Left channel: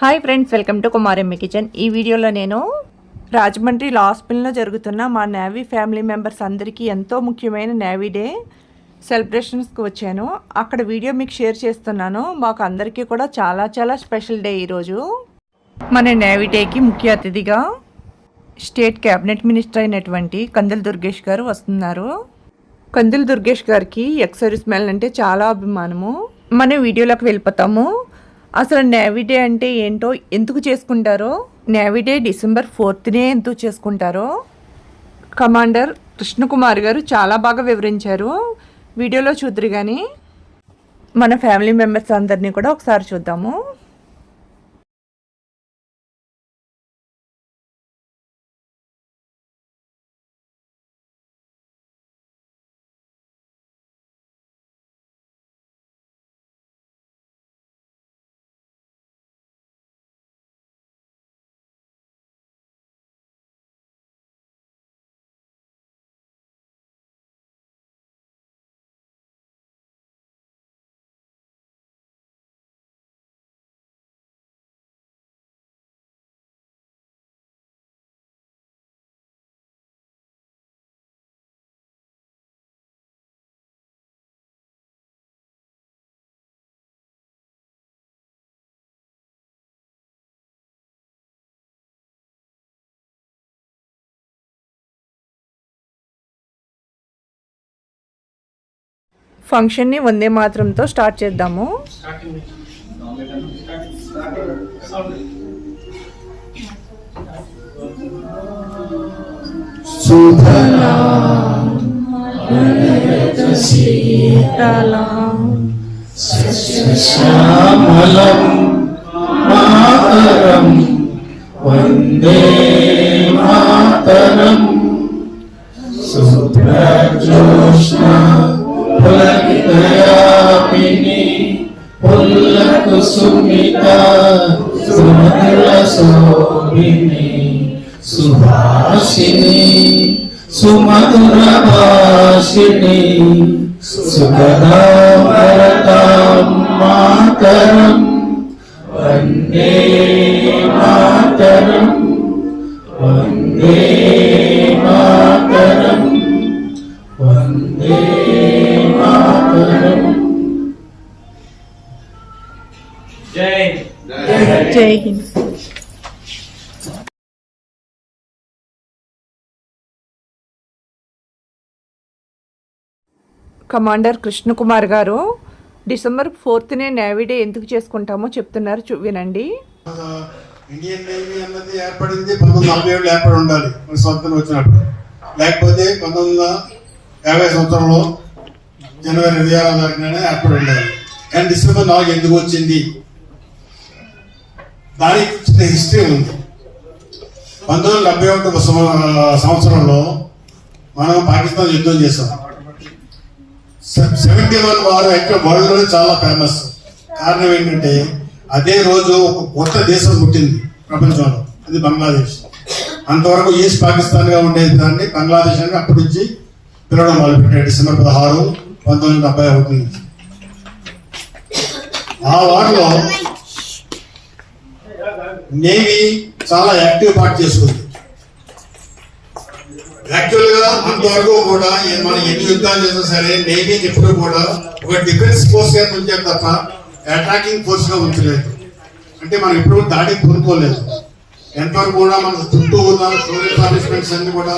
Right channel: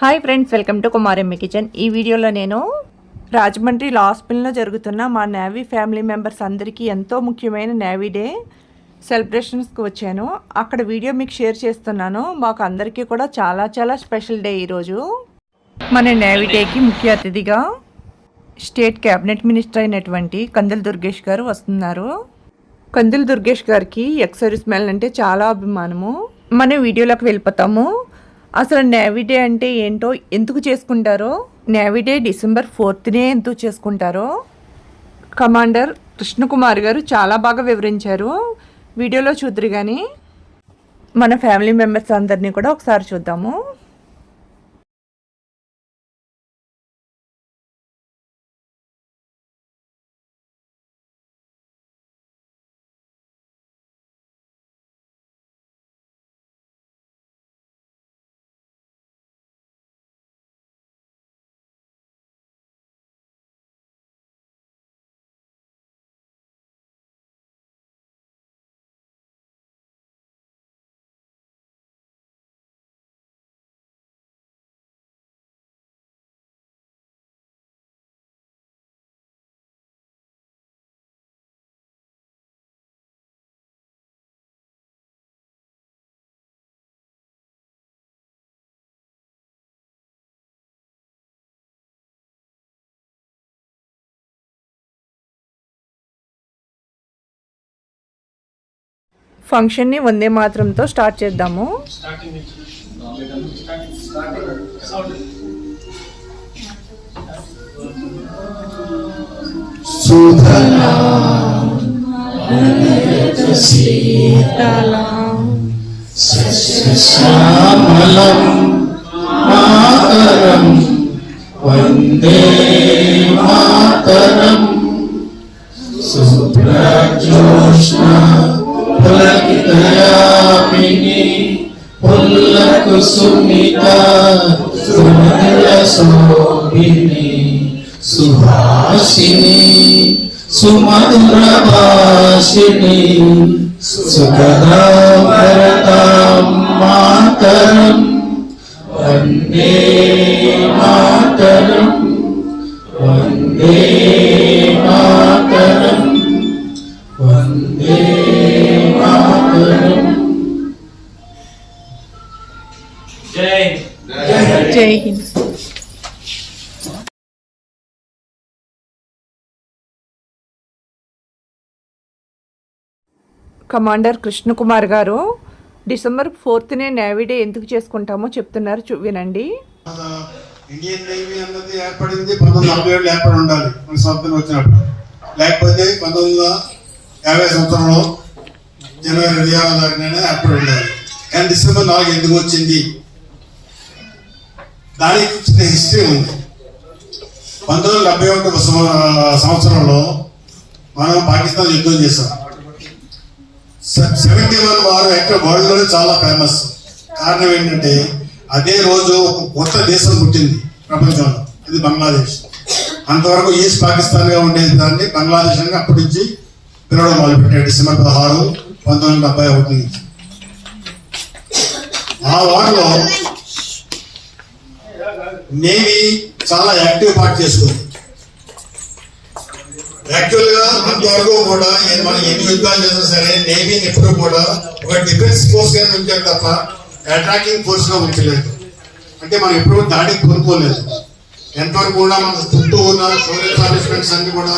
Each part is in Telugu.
Hi friends, welcome to Kumaramma kitchen. ఈ వీడియోలో నేను రాజమండ్రి లాస్ మిల్లో జరుగుతున్న మా నేవీ ఫ్యామిలీ మెంబర్స్ అందరికీ ఎంతో ముఖ్యమైన నేవీ డే సెలబ్రేషన్స్కి వచ్చాను. అక్కడ వీడియో మీకు షేర్ చేస్తున్నాను. మాకు అందరికీ కూడా చాలా స్పెషల్ డే ఈరోజు. మన నేవీ డేకి ముఖ్య అతిథిగా స్టేట్ క్యాబినెట్ మినిస్టర్ అయినటువంటి కందుల దుర్గేష్ గారు వస్తున్నారు. కందుల దుర్గేష్ గారికి ఎక్స్ సర్వీస్ మ్యాన్ అంటే చాలా అభిమానము. మనం వీడియోలోకి వెళ్ళిపోతాము. అసలు నేవీ డే అంటే ఏంటో, ఎందుకు చేసుకుంటారో, నేవీ డే December 4th ఎందుకు చేసుకుంటారో కమాండర్ కృష్ణకుమార్ గారు చాలా బాగా వివరించారు. వీడియోలో చూద్దరు కానీ మన ఫ్యామిలీ మెంబర్స్ అందరినీ కూడా ఒకసారి చూద్దాము. ఫంక్షన్ని వందే మాత్రంతో స్టార్ట్ చేద్దాము. వందే మాతరం సుప్రజోష్ణ పులకితయాపిని పుల్లకుసుమిత సుమధుర శోభిని సుహాసిని సుమధుర భాషిని సుగదాభరతాం మాతరం వందే మాతరం వందే మాతరం వందే మాతరం. జై హింద్. కమాండర్ కృష్ణకుమార్ గారు December 4th నేవీ డే ఎందుకు చేసుకుంటామో చెప్తున్నారు, వినండి. ఇండియన్ నేవీ అన్నది ఏర్పడింది 1947 ఏర్పడి ఉండాలి మన స్వాతంత్రం వచ్చినప్పుడు. లేకపోతే 1950 సంవత్సరంలో జనవరి 26న ఏర్పడి ఉండాలి. కానీ December 4 ఎందుకు వచ్చింది, దానికి చిన్న హిస్టరీ ఉంది. 1971 సంవత్సరంలో మనం పాకిస్తాన్ యుద్ధం చేసాం. 71 వారు ఎక్కడ వరల్డ్ లోనే చాలా ఫేమస్. కారణం ఏంటంటే అదే రోజు ఒక కొత్త దేశం పుట్టింది ప్రపంచంలో, అది బంగ్లాదేశ్. అంతవరకు ఈస్ట్ పాకిస్తాన్ గా ఉండేది దాన్ని బంగ్లాదేశ్ అని అప్పటి నుంచి పిలవడం మొదలుపెట్టాడు. December 16, 1971 నుంచి. ఆ వారిలో నేవీ చాలా యాక్టివ్ పార్ట్ చేసుకుంది. యాక్చువల్ గా అంతవరకు కూడా మనం ఎన్ని యుద్ధాలు చేసినా సరే నేవీని ఎప్పుడు కూడా ఒక డిఫెన్స్ ఫోర్స్ గా ఉంచారు తప్ప అటాకింగ్ ఫోర్స్ గా ఉంచలేదు. అంటే మనం ఎప్పుడు దాడికి కోరుకోలేదు. ఎంతవరకు కూడా మన చుట్టూ ఉన్న సోషల్ ఎస్టాబ్లిష్మెంట్స్ అన్ని కూడా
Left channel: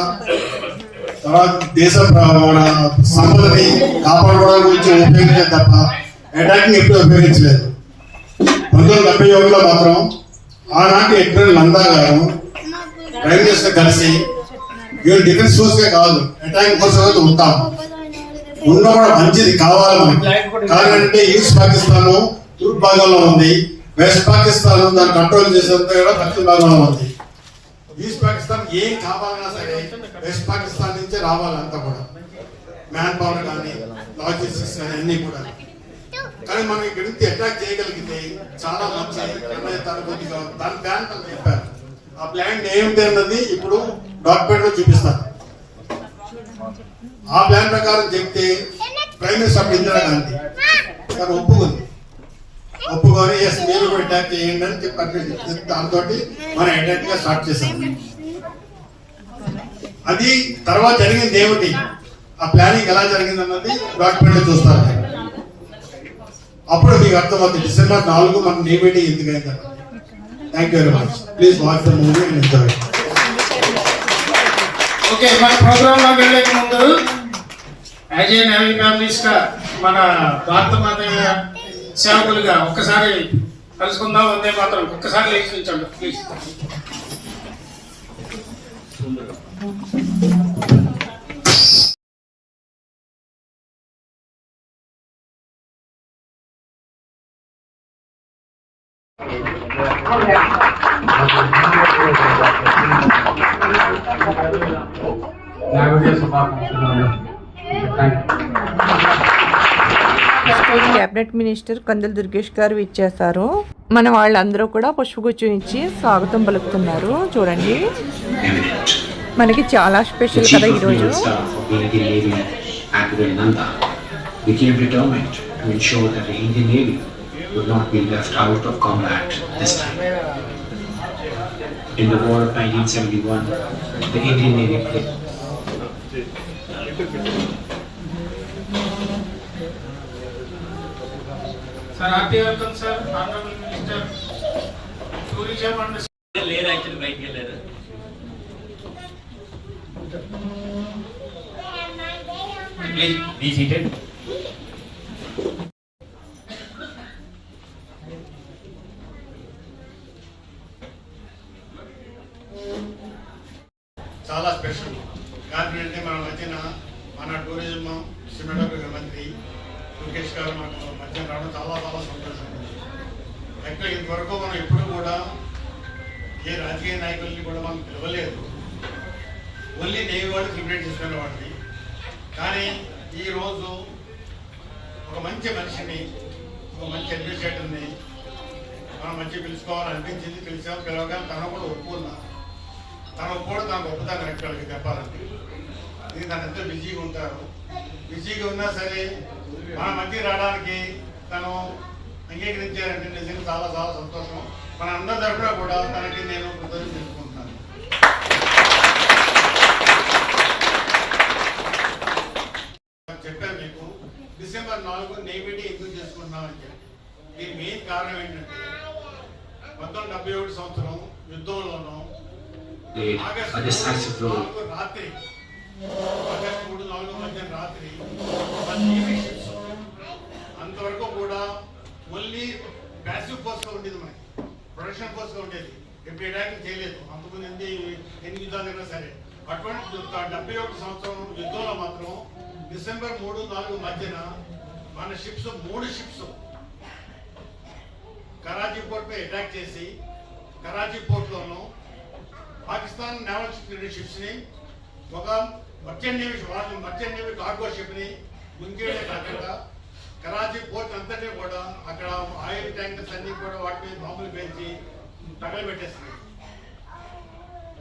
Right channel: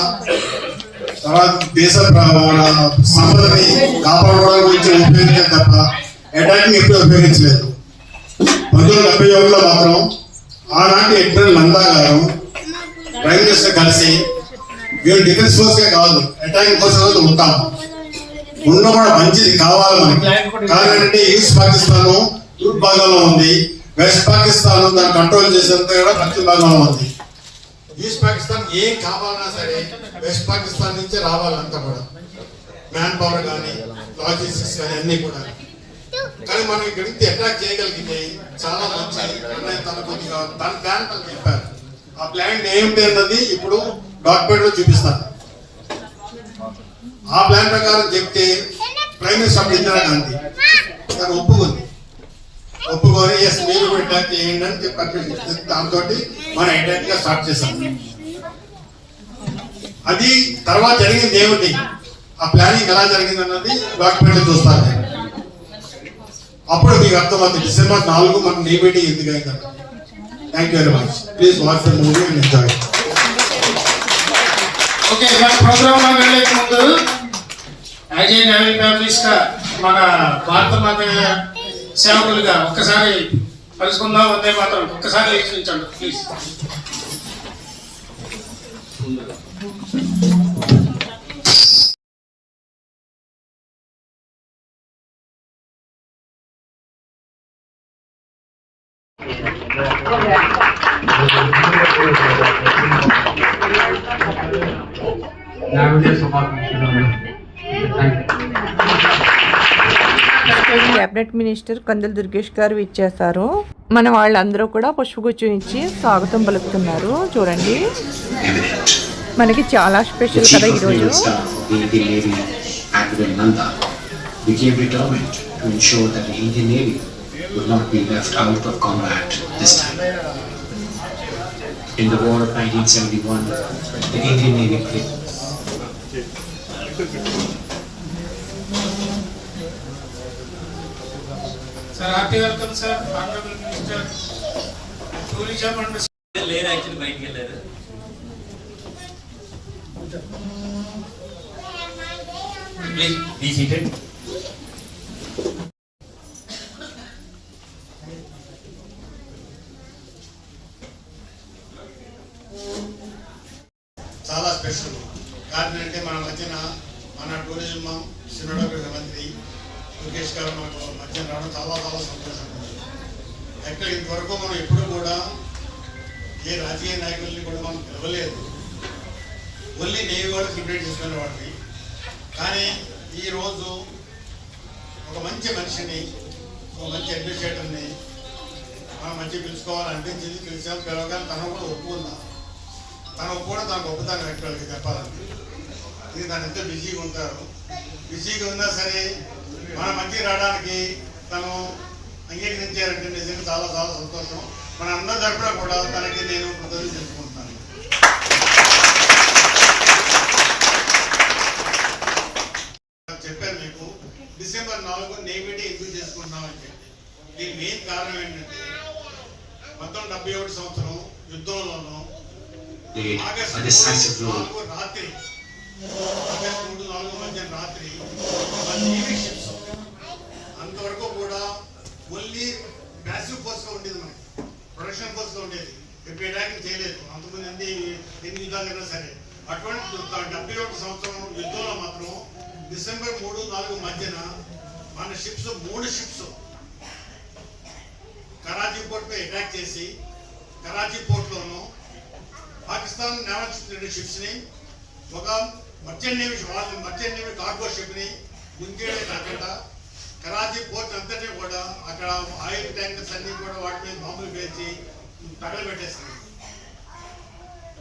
తర్వాత దేశ సంపదని కాపాడుకోవడం గురించి ఉపయోగించారు తప్ప అటాకింగ్ ఎప్పుడు ఉపయోగించలేదు. 1971లో మాత్రం ఆనాటి అడ్మిరల్ నందా గారు ప్రైమ్ మినిస్టర్ కలిసి వీళ్ళు డిఫెన్స్ ఫోర్స్ గా కాదు అటాకింగ్ ఫోర్స్ గా ఉంటాం, ఉండడం కూడా మంచిది కావాలి మనకి. కాదంటే ఈస్ట్ పాకిస్తాన్ తూర్పు భాగంలో ఉంది, వెస్ట్ పాకిస్తాన్ దాన్ని కంట్రోల్ చేసేంత కూడా పశ్చిమ భాగంలో ఉంది. ఈస్ట్ పాకిస్తాన్ ఏం కావాలన్నా సరే వెస్ట్ పాకిస్తాన్ నుంచే రావాలంతా కూడా, మ్యాన్ పవర్ కానీ లాజిస్టిక్స్ కానీ అన్ని కూడా. కానీ మనం ఇక్కడ నుంచి అటాక్ చేయగలిగితే చాలా మంచి తన కొద్దిగా తన ప్లాన్ తను చెప్పారు. ఆ ప్లాన్ ఏమిటి అన్నది ఇప్పుడు డాక్యుమెంట్ లో చూపిస్తాను. ఆ ప్లాన్ ప్రకారం చెప్తే ప్రైమ్ మినిస్టర్ ఇందిరాగాంధీ ఒప్పుకుంది. ఒప్పుకొని ఎస్ మీరు అటాక్ చేయండి అని చెప్పి దాంతో మనం అటాక్ గా స్టార్ట్ చేసాం. అది తర్వాత జరిగింది ఏమిటి, ఆ ప్లానింగ్ ఎలా జరిగింది అన్నది డాక్యుమెంట్ చూస్తారు. అప్పుడు మీకు అర్థమవుతుంది December 4 మన నేవీ ఎందుకు అయింది. Thank you very much. Please watch the movie and enjoy. Okay, మన ప్రోగ్రామ్ లో వెళ్ళే ముందు యాజ్ ఏ నేవీ ఫ్యామిలీస్ గా మన భారత మాత సేవకులుగా ఒక్కసారి కలుసుకుందాం. వందే మాత్రం ఒక్కసారి లేచించండి ప్లీజ్. క్యాబినెట్ మినిస్టర్ కందుల దుర్గేష్ గారు ఇచ్చేశారు. మన వాళ్ళందరూ కూడా పుష్పగుచ్చం ఇచ్చి స్వాగతం పలుకుతున్నారు. చూడండి, మనకి చాలా స్పెషల్ కదా ఈరోజు. In the war of 1971, the Indian Navy played. Sir, happy welcome, sir. Honorable Minister, Tourism and లేరు యాక్చువల్లీ బయటికి వెళ్ళారు. Please be seated. చాలా స్పెషల్ కారణం అంటే మన మధ్యన మన టూరిజం సినిమాటోగ్రఫీ మంత్రి లోకేష్ గారు మనకు మధ్యన రావడం చాలా చాలా సంతోషం. యాక్చువల్ ఇంతవరకు మనం ఎప్పుడు కూడా ఏ రాజకీయ నాయకుల్ని కూడా మనం పిలవలేదు, ఓన్లీ నేవీ వాళ్ళు సెలబ్రేట్ చేసుకునే వాటిని. కానీ ఈరోజు ఒక మంచి మనిషిని, ఒక మంచి అడ్మినిస్ట్రేటర్ని మనం మంచిగా పిలుచుకోవాలని అనిపించింది. పిలవగానే తను కూడా ఒప్పుకుందా. తను కూడా తన గొప్పతనం వ్యక్తులకి చెప్పాలంటే ఇది తను ఎంతో బిజీగా ఉంటారు. బిజీగా ఉన్నా సరే మన మంచిగా రావడానికి తను అంగీకరించారంటే నిజంగా చాలా చాలా సంతోషం. మన అందరి తరఫున కూడా తనకి నేను కృతజ్ఞతలు తెలుసుకుంటున్నాను. చెప్పాను మీకు December 4 నేవీ డే ఎందుకు చేసుకుంటున్నామని చెప్పి. దీని మెయిన్ కారణం ఏంటంటే 1971 సంవత్సరం యుద్ధంలోనూ ఆగస్టు 4 రాత్రి, ఆగస్టు 3-4 మధ్య రాత్రి నేవీ షిప్స్ అంతవరకు కూడా ఓన్లీ ప్యాసివ్ ఫోర్స్ గా ఉండేది, మనకి ప్రొడక్షన్ ఫోర్స్ గా ఉండేది. ఎప్పుడు అటాకింగ్ చేయలేదు అంతకుముందు ఎన్ని యుద్ధాలైనా సరే. అటువంటి 71 సంవత్సరం యుద్ధంలో మాత్రం December 3-4 మధ్యన మన షిప్స్ 3 షిప్స్ కరాచీ పోర్ట్ పై అటాక్ చేసి కరాచీ పోర్ట్ లోను పాకిస్తాన్ నేవల్ షిప్స్ ని, ఒక మర్చెంట్ నేవీ కార్గో షిప్ ని ముంగేడే కాకుండా కరాచీ పోర్ట్ అంతటి కూడా అక్కడ ఆయిల్ ట్యాంకర్స్ అన్ని కూడా వాటి మీద బాంబులు పేర్చి తగలబెట్టేస్తున్నాయి.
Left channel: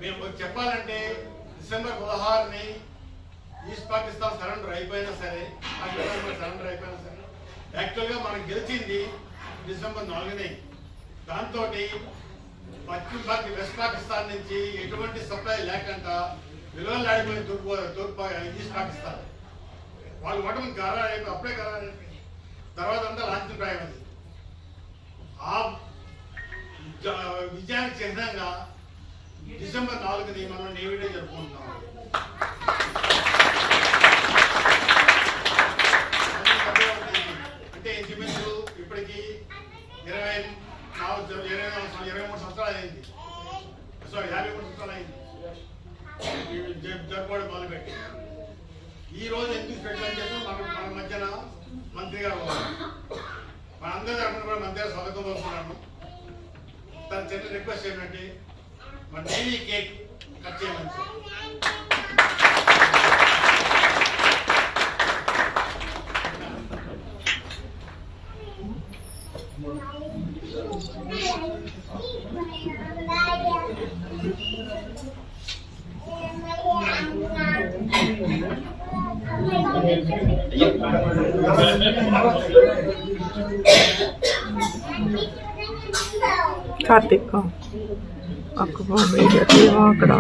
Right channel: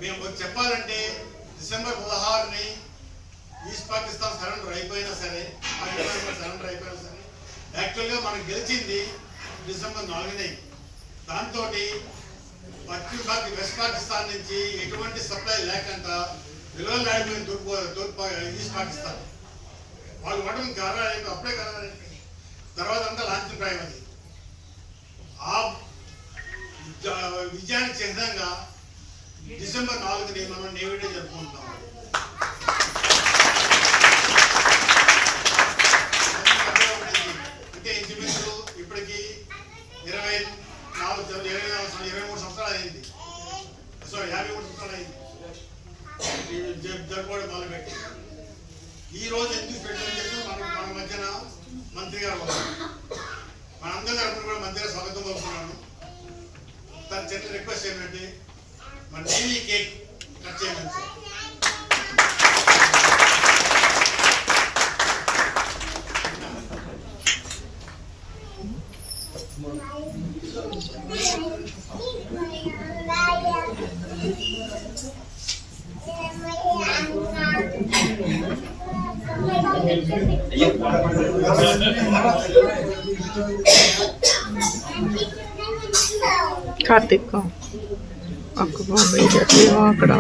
మేము చెప్పాలంటే December 16 ఈస్ట్ పాకిస్తాన్ సరెండర్ అయిపోయినా సరే, సరెండర్ అయిపోయినా సరే యాక్చువల్గా మనకు గెలిచింది December 4. దాంతో వెస్ట్ పాకిస్తాన్ నుంచి ఎటువంటి సప్లై లేకుండా విలువలాడిపోయిన తూర్పు ఈస్ట్ పాకిస్తాన్ వాళ్ళు వడం గారాలైపోయి అప్పుడే గారాలైపోయింది. తర్వాత అంతా లాంఛన ప్రాయం. అది ఆ విజయానికి చిహ్నంగా December 4 మనం నేవీ డే జరుపుకుంటున్నాం. అంటే ఇంచుమించు ఇప్పటికి 23 సంవత్సరాలు అయింది. సారీ 53 సంవత్సరాలు అయింది జరుపుకోవడం మొదలుపెట్టి. ఈ రోజు ఎందుకు పెట్టాలని చెప్పి మన మధ్యన మంత్రి గారు మనందరి తరఫున కూడా మంత్రి గారు స్వాగతం పలుకుతున్నాను. తన చిన్న రిక్వెస్ట్ ఏంటంటే మన నేవీ కేక్ కట్ చేయమని సార్. కార్తిక్ అక్కడ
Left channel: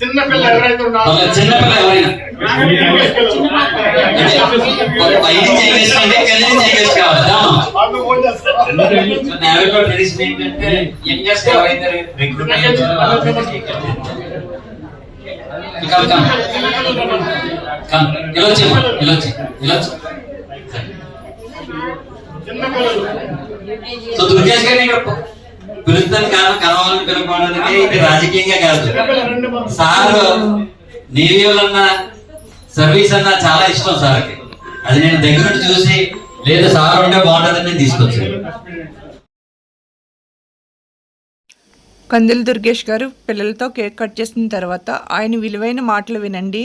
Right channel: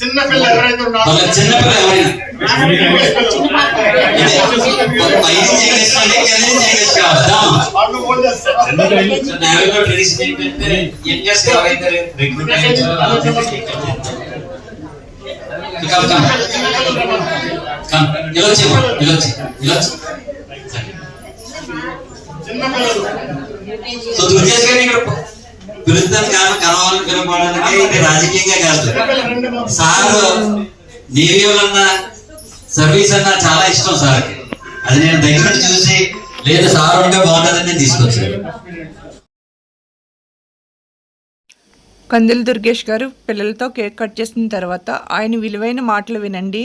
చిన్న పిల్ల ఎవరైతే ఉన్నారో పిలుస్తాను కలవాలని పిలవడానికి ఇది రాజకీయంగా కాదు. సార్ నేవీ అన్న సర్వీస్ అన్న చాలా ఇష్టం సార్కి. అది నేను దగ్గర చూసి లేదు సార్ ఉంటే బాగుంటుందని నేను తీసుకొచ్చాను. కందులు దుర్గేష్ గారు పిల్లలతో కేక్ కట్ చేసిన తర్వాత ఆయన విలువైన మాటలు వినండి.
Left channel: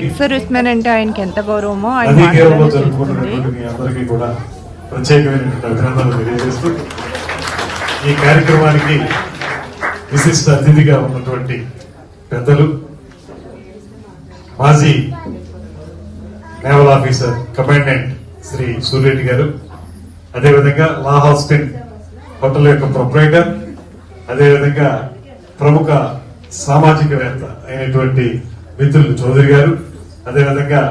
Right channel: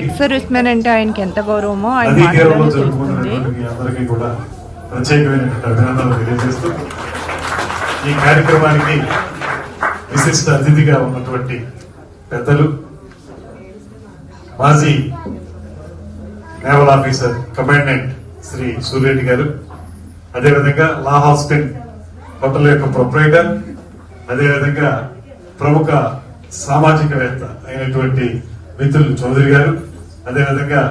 ఎక్స్ సర్వీస్ మ్యాన్ అంటే ఆయనకి ఎంత గౌరవమో ఆయన మాటలోనే తెలుస్తుంది. అందరికీ కూడా ప్రత్యేకమైనటువంటి అభినందనలు తెలియజేస్తూ ఈ కార్యక్రమానికి విశిష్ట అతిథిగా ఉన్నటువంటి పెద్దలు మాజీ naval officer commandant Shri Suryareddy గారు, అదేవిధంగా లా హాస్టల్ హోటల్ యొక్క ప్రొపరైటర్, అదేవిధంగా ప్రముఖ సామాజికవేత్త అయినటువంటి మిత్రులు చౌదరి గారు, అదేవిధంగా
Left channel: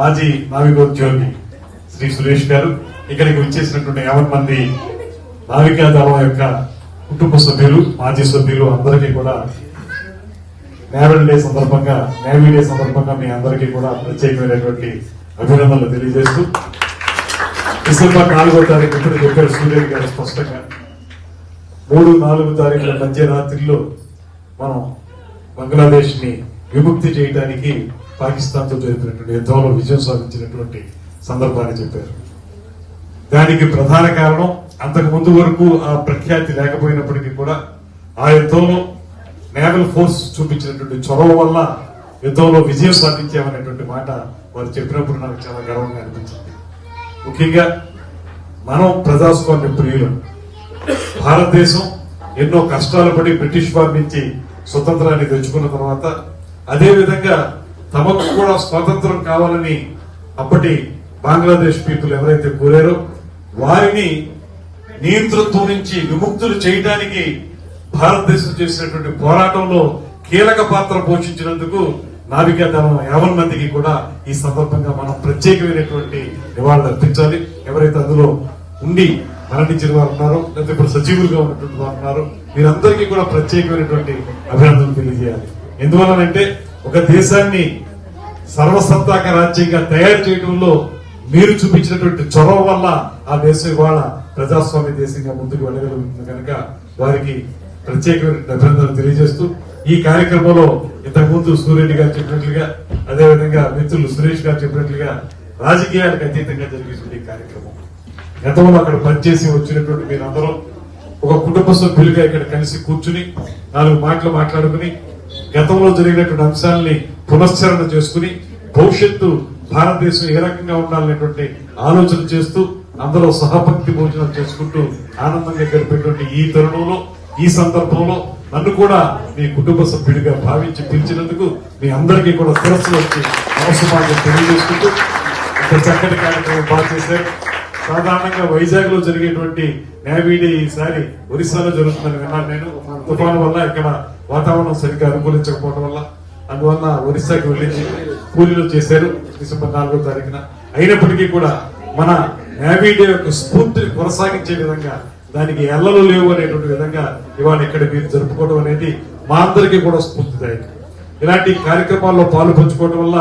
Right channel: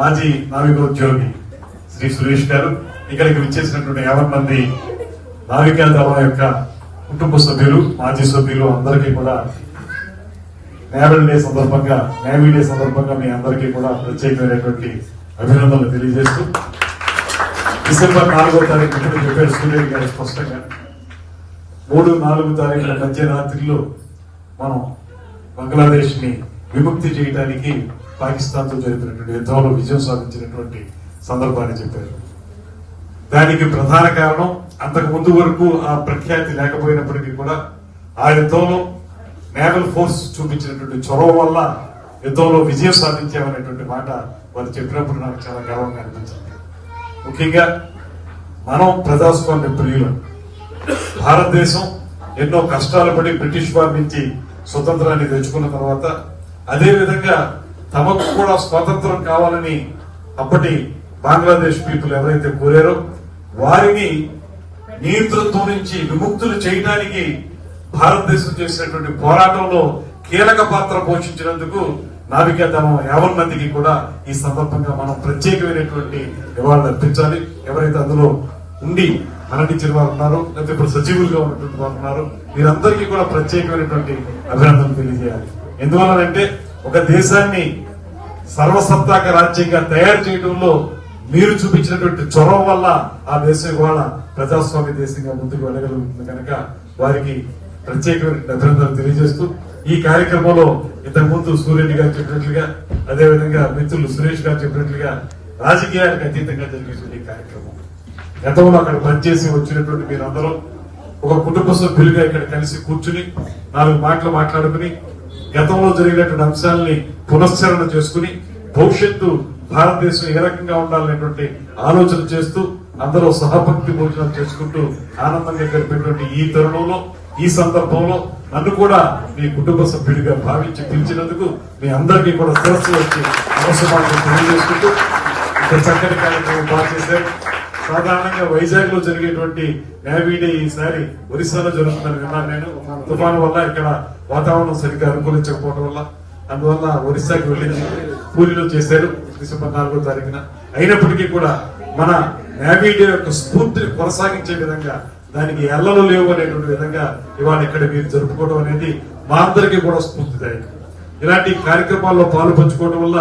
మాజీ నావికోద్యోగి శ్రీ సురేష్ గారు, ఇక్కడికి వచ్చేసినటువంటి 50 మంది నావికా దళం యొక్క కుటుంబ సభ్యులు, మాజీ సభ్యులు అందరికీ కూడా నేవీ డే సందర్భంగా మీ అందరికీ కూడా ప్రత్యేకమైనటువంటి అభినందనలు తెలియజేస్తూ డిసెంబర్ 4వ తారీఖు ఇప్పుడు చెప్పారు సూర్యరెడ్డి గారు స్పష్టంగా 3-4 తారీఖుల మధ్యరాత్రిలో మనం బంగ్లాదేశ్ ని విముక్తి చేయడానికి పాకిస్తాన్ తో జరిపినటువంటి యుద్ధంలో విజయం సాధించినటువంటి సందర్భాన్ని చెప్పారు. దానికి ప్రధాన కారణం అంతకు ముందు వరకు ఆ ప్రఖ్యాతి లేకపోయినప్పటికీ కూడా ఆ యుద్ధంలో నేవల్ ఫోర్స్ చూపించినటువంటి చొరవ వల్ల యుద్ధంలో విజయం సాధించామనేటువంటి మాట వారు చెప్పినప్పుడు నాకు చాలా గర్వంగా అనిపించింది. ముఖ్యంగా మనం ప్రజాస్వామ్య ప్రియులు. భారతదేశం ఎన్నో కష్టాలు పడి బ్రిటిష్ వారి నుంచి స్వతంత్రాన్ని తెచ్చుకున్న తర్వాత అదే విధంగా తమకు కూడా స్వాతంత్రం కావాలని అప్పటి బంగ్లాదేశ్ పీపుల్ ఎవరైతే కోరారో వారిని నియంతృత్వం నుంచి విముక్తులు చేయడానికి భారతదేశం చేసినటువంటి పోరాటంలో కీలక పాత్ర పోషించినందుకు నావికా దళం 50 మందికి కూడా ఈ సందర్భంగా మనం ప్రత్యేకమైనటువంటి నివాళులు అర్పించాలి. ఎవరైతే అందులో ఉండి మరణించిన వారు ఉన్నారో లేకపోతే ఇప్పుడు సజీవులుగా ఉన్నటువంటి వారు ఉన్నారో మీరందరికీ కూడా ప్రత్యేకమైనటువంటి అభినందనలు తెలియజేయాలి. ఎందువల్లనంటే ఒక దేశాన్ని సర్వసత్తాక రాజ్యంగా తయారు చేయడంలో మీరు చూపించినటువంటి చొరవ వల్ల ఆ దేశం ఇవాళ ప్రజాస్వామ్య దేశంగా ముందుకు వెళ్ళగలుగుతుంది కనుక వారికి ప్రత్యేకమైన అభినందనలు తెలియజేస్తూ ఈ కార్యక్రమంలో ఇంతకుముందు సూర్యరెడ్డి గారు చెప్పినట్లుగా అదేవిధంగా మిత్రులు సురేష్ గారు చెప్పినట్లుగా రాజకీయాలకు అతీతంగా జరిగేటువంటి కార్యక్రమం. గతంలో అక్కడ పనిచేసి వచ్చినటువంటి మీరందరూ ఒక కుటుంబ సభ్యులుగా ఇక్కడ కలిసి కూర్చుని 4 మాటలు మాట్లాడుకుని గతంలో జరిగినటువంటి అంశాలని పునశ్చరణ చేసుకుని భవిష్యత్తు భారతదేశం ఏ రకంగా ఉండాలనేటువంటి ఆలోచన చేస్తూ అందరూ సహపంక్తి భోజనం చేసుకుంటూ ఆనందంగా గడిపేటువంటి ఈ తరుణంలో ఈ సందర్భంలో నన్ను కూడా మీ కుటుంబ సభ్యుడిగా భావించి పిలిచినందుకు మీ అందరికీ కూడా శిరస్సు వచ్చి నమస్కారాలు తెలియజేసుకుంటూ ఇంత చక్కటి కార్యక్రమం బాగా చేశారు. సాధారణంగా వైజాగ్ లో జరిగేటువంటి నేవీ డే ఈసారి ఒరిస్సాలో జరుగుతుందని విన్నాను నేను. తుఫాను వల్ల ఇక్కడ వాతావరణం సరిగ్గా అనుకూలించకపోవడం వల్ల అందువల్ల ఒరిస్సాకి వెళ్ళి పూరిలో చేశారు డిసెంబర్ 4వ తారీఖున. అయినప్పటికీ కూడా మన నేవీ డే యొక్క స్ఫూర్తిని కొనసాగించే విధంగా దానికి ఎల్లలు లేవు అనేటువంటి విధంగా ఇవాళ ఇక్కడ మీరు జరుపుకోవడం అనేది మా అందరికీ కూడా స్ఫూర్తిదాయకం. ఇలాంటి కార్యక్రమాల్లో పాలు పంచుకోవడం వల్ల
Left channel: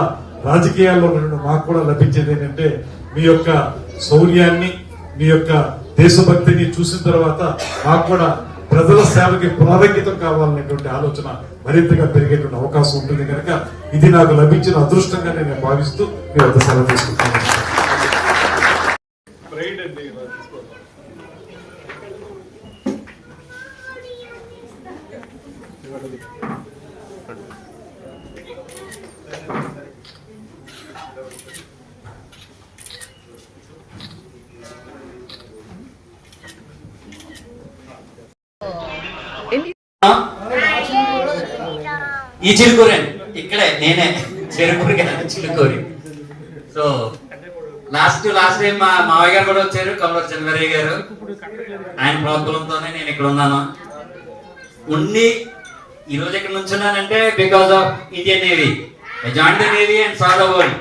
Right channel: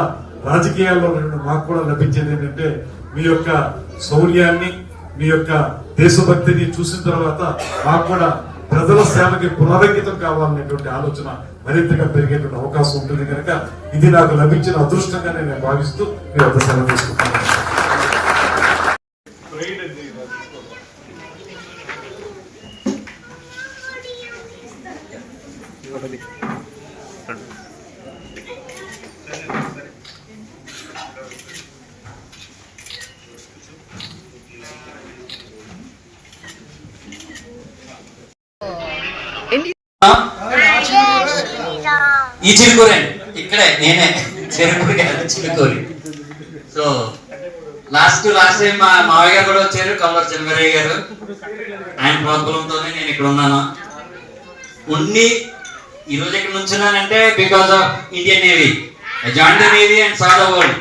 రాజకీయాల్లో మాకు కూడా లభించేది ఏంటంటే మీ యొక్క శౌర్యాన్ని మీ యొక్క దేశభక్తిని చూసిన తర్వాత మాకు కూడా ప్రజల సేవకి పునరంకితం కావాలనేటువంటి ఆలోచన మరింతగా పెరిగేటువంటి అవకాశం ఉంటుంది కనుక ఇది నాకు లభించిన అదృష్టంగా నేను భావిస్తూ మీ వద్ద సెలవు తీసుకుంటున్నాను. ఈ చిలుకూరి ఇక్కడే నేనే చెరుకూరి కాదు చిలుకూరి. సో లాస్ట్ టైం మా మావయ్య గారు కూడా వచ్చారు, కమలర్ చంద్రయ్య గారు. ఆయన ప్రోత్సాహంతోనే నేను ఇక్కడ ఉన్నాను. ఈ రోజు ఇక్కడ నుంచున్నానంటే because of Indian Navy. I join the Navy and saw the world.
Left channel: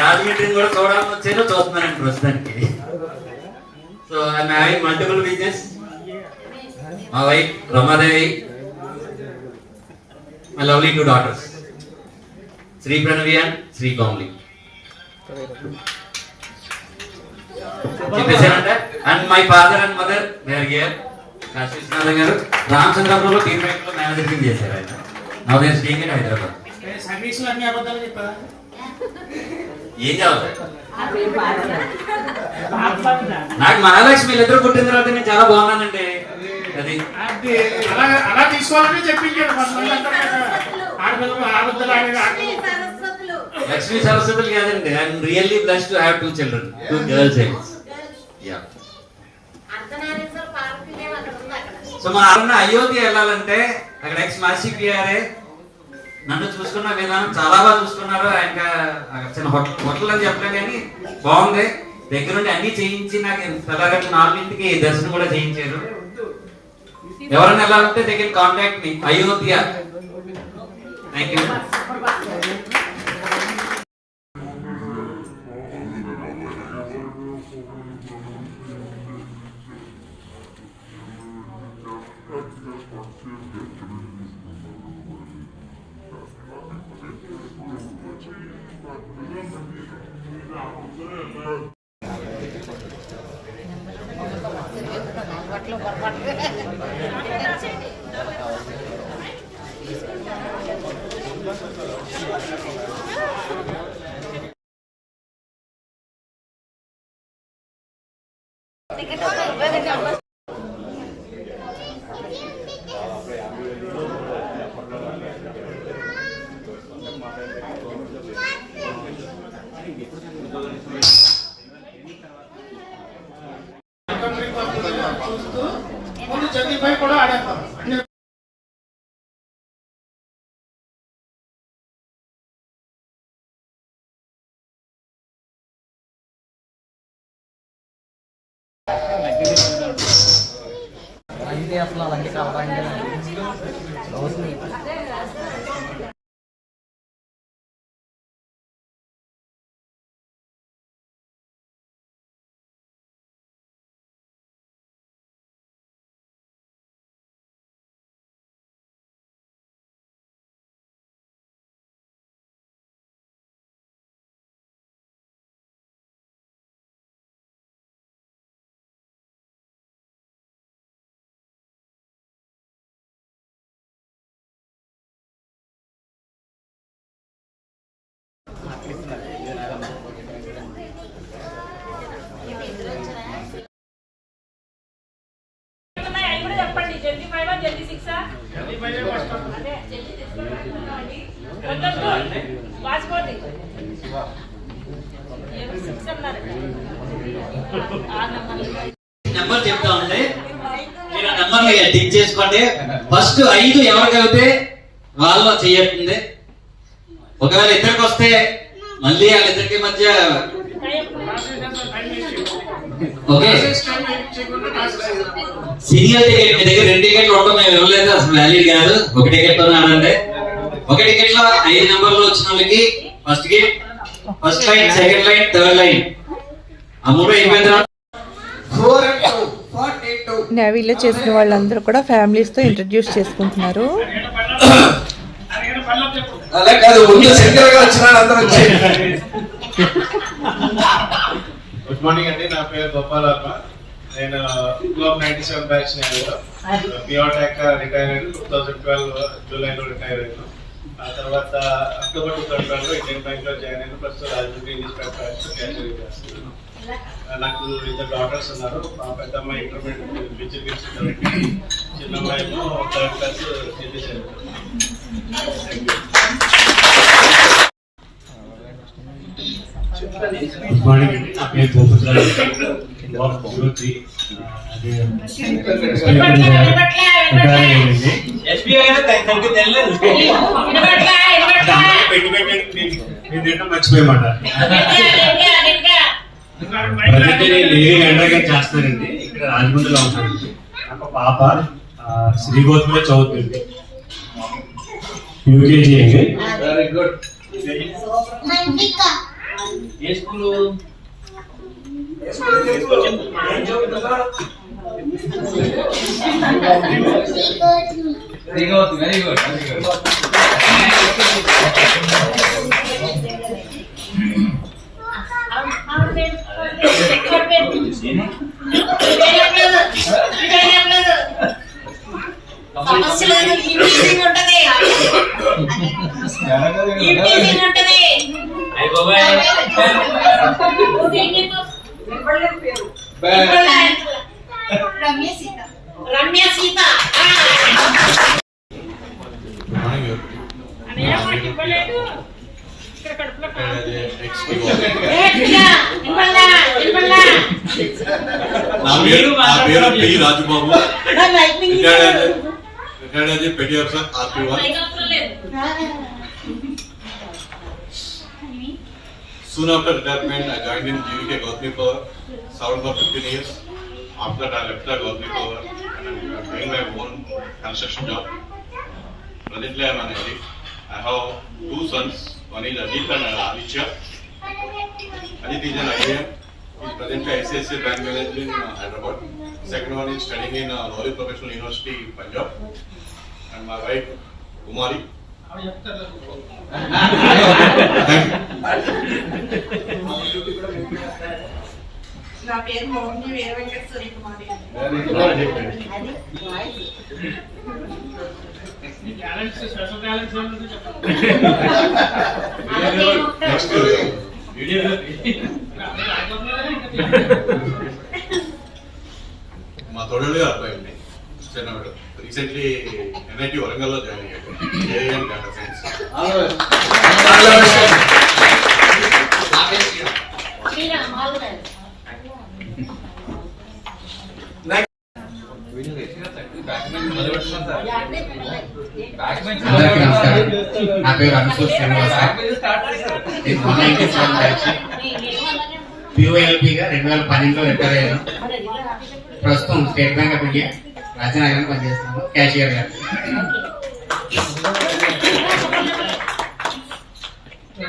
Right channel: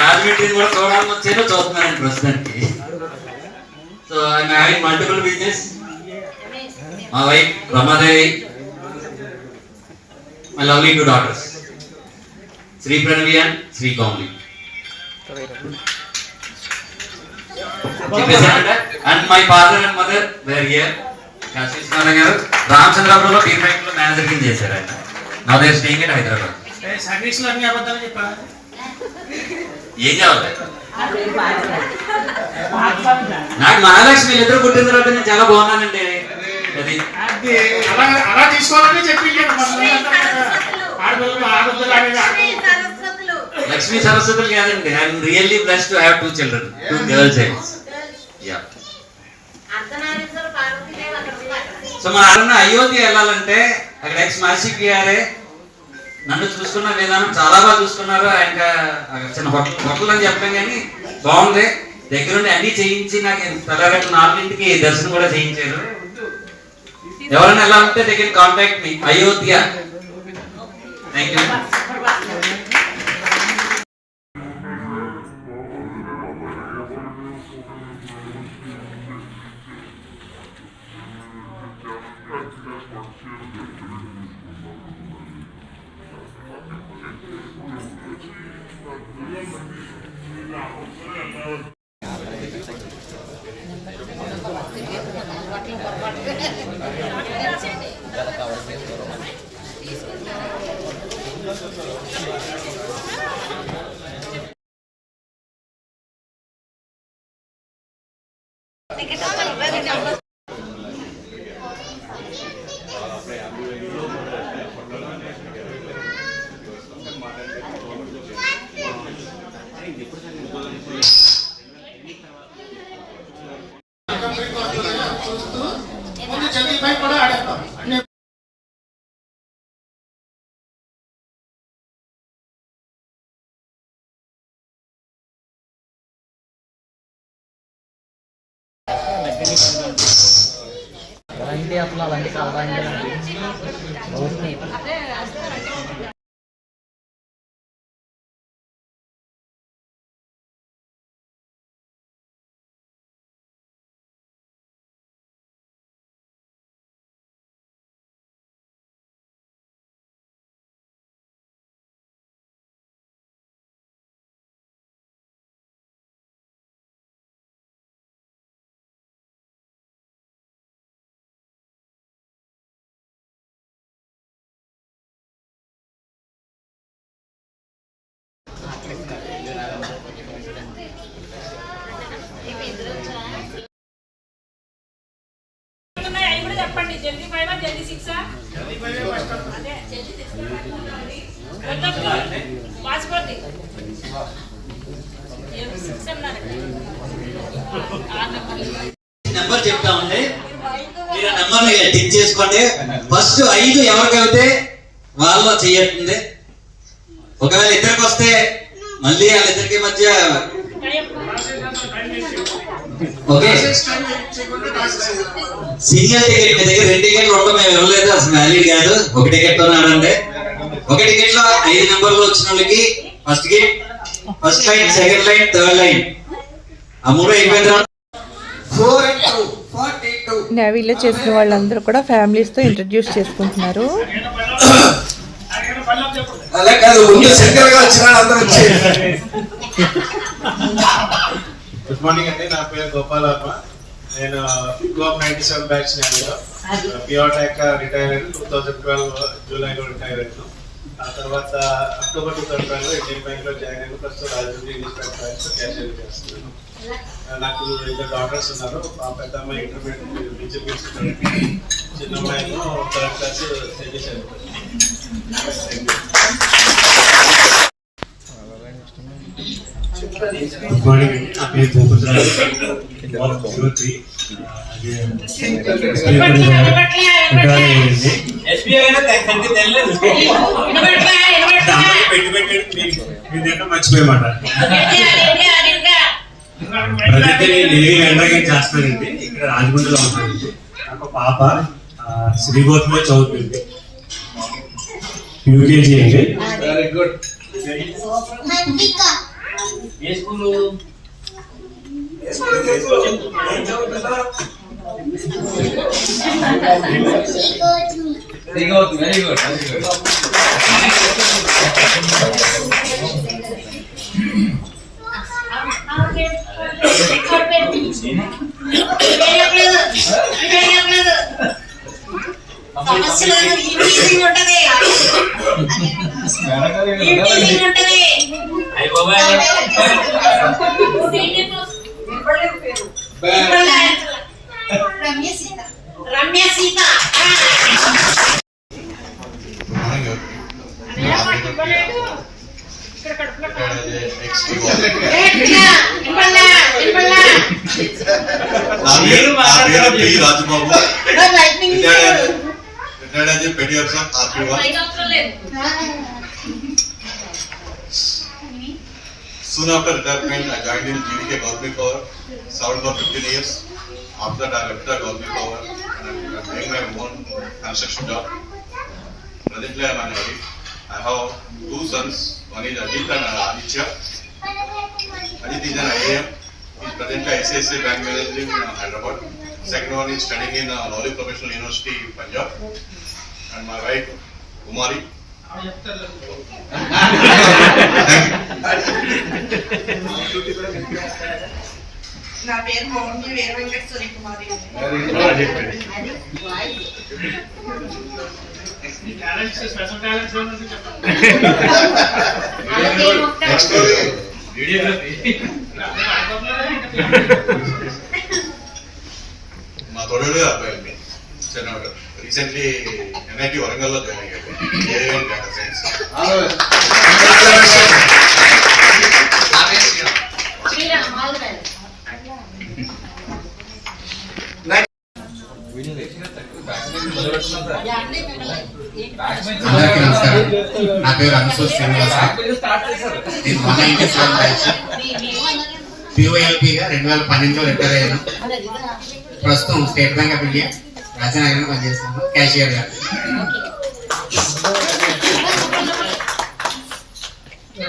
రాజమండ్రిని కూడా చూడాలని వచ్చాను, చూస్తున్నాను ప్రస్తుతానికి. So I'm having multiple business. మా wife Ramadevi, my lovely 2 daughters, Sri Pranavi and Sri Komali. And my father and mother were here. Kasinath garu రామచంద్రపురంలో బీర్ బ్యాంక్ లో మేనేజర్ కింద చేశారు ఆయన. నా దగ్గర స్టేయింగ్ ఇన్ హైదరాబాద్. సర్వీసులు అన్ని అబద్ధాలు చెప్పారా? ఏం కావాలి నాకు? మహాలక్ష్మి ఇద్దరు పుట్టిన తర్వాత నేను చాలా బాగున్నానండి. అది అలా తీసుకోవాలని చెప్పి ఆడపిల్లలు ఆడపిల్లలు అనేది లక్ష్మీ సరస్వతులు కాదండి. I'm really blessed to have 2 children, 2 girl childs. Yeah. So మన అయోధ్య వెళ్ళాలంటే అక్కడ ఎక్స్ మాసి పిఆర్ఏ నన్ను చూసుకున్న విధానం చాలా బాగా చూసుకున్నారు. ఆయన చిన్న హోటల్ అని చెప్పాం కానీ బాగుంది. దగ్గరుండి అన్ని చేయించి నాకు తెల్లగట్టు 4ంటికి దర్శనం కూడా చేయించారు. ఎవరైనా ఎలా ఉంటే దగ్గర contact me Ayodhya. Thank you. చూస్తూ ముందు చదివిపై కూడా ఆడేస్తాం. నెంబర్ చెప్తా ఉంటే మీరు ఆ నెంబర్ టిక్ చేసుకోండి. ఫస్ట్ 5 ఎవరికైతే వాళ్ళ చెయ్యట్టుంది. ఒకవేళ ఇద్దరికి వస్తే మళ్ళీ వాళ్ళిద్దరికి మధ్య ఓకే. సీనియర్ టికెట్ మీ దగ్గర 2 టికెట్లు ఉండడం మేము ఇవ్వలేదు, అసలు వ్యాలిడ్ కాదు. 1 టికెట్ తో ఆడండి. 1 టికెట్ లో 5 నెంబర్లు వచ్చిన వాళ్ళకి first gate, first line, second line, third line ఆ 3 అయిపోయిన తర్వాత 4 and 2 42. నేవీలో చేసిన వాళ్ళందరూ కూడా ఫ్యామిలీస్తో ఇంట్రడ్యూస్ చేసుకుంటున్నారు. అలా కాదు, ముందు సెంటర్ గా వచ్చిన అందరూ వచ్చారు. గుడ్ మార్నింగ్ అండి, నా పేరు గోపాల్ వర్మ. నేను 97 బ్యాచ్ పియోటాక్ రిటైర్ అయ్యాను. 2012 జూలైలో రిటైర్ అయ్యాను. ఆ తర్వాత అక్టోబర్ 2012 ఇండియన్ బ్యాంక్ లో జాయిన్ అయ్యాను. ప్రస్తుతం రాజమండ్రి ఇన్స్పెక్టర్ బ్యాంక్ క్యాషియర్ చేస్తున్నాను. నాకు 2 daughters ఉన్నారు. మా పెద్ద అమ్మాయి ఇంటర్మీడియట్ విద్యుత్ చదువుతుంది, చిన్న అమ్మాయిమో 3rd class చదివేశారు. గుడ్ మార్నింగ్ అండి, నా పేరు గోపరాజు. 03 అదే మర్చిపోయమాట ప్రజెంట్ నేవీ ఎండ్రాగన్ చేస్తానండి. ఇక్కడ రాజమండ్రిలో ఉంటానండి. నాకు పాప శ్రీగోత్మలో చదువుతుంది, యూకేజీ అండి. Very good. A school? Very good, very good. Ramya Sita. Rajababu retired as A petty officer RP1. Soon after retirement, I joined in GVK Government Power, served for 15 years. After that, I left the Government Power and I'm doing my own construction job. Presently, I am unmarried. I have 2 sons. One is Ajit and Aditya. Ajit is an IAM. He is presently ICICI Bank Manager in Hyderabad. Second one is studying in Lowry Professional University, Punjab. And my wife, Kumari. నా పేరు మౌని వీర వెంకటేశ్వరి కుమారి. మా తోడేడు అబ్బాయి చిన్నవాడు రీసెంట్లీ NIT వరంగల్లో జాయిన్ అయ్యాడు. AM data science. అందరికీ నమస్కారం. నా పేరు అనుసూర్ శ్రీనివాస. నేను 197 బ్యాచ్. POLP గా 2012లో రిటైర్ అయ్యాను. ప్రస్తుతం స్టేట్ బ్యాంక్ ఆఫ్ ఇండియా రాజనగరంలో పనిచేస్తున్నాను, క్యాషియర్ గా.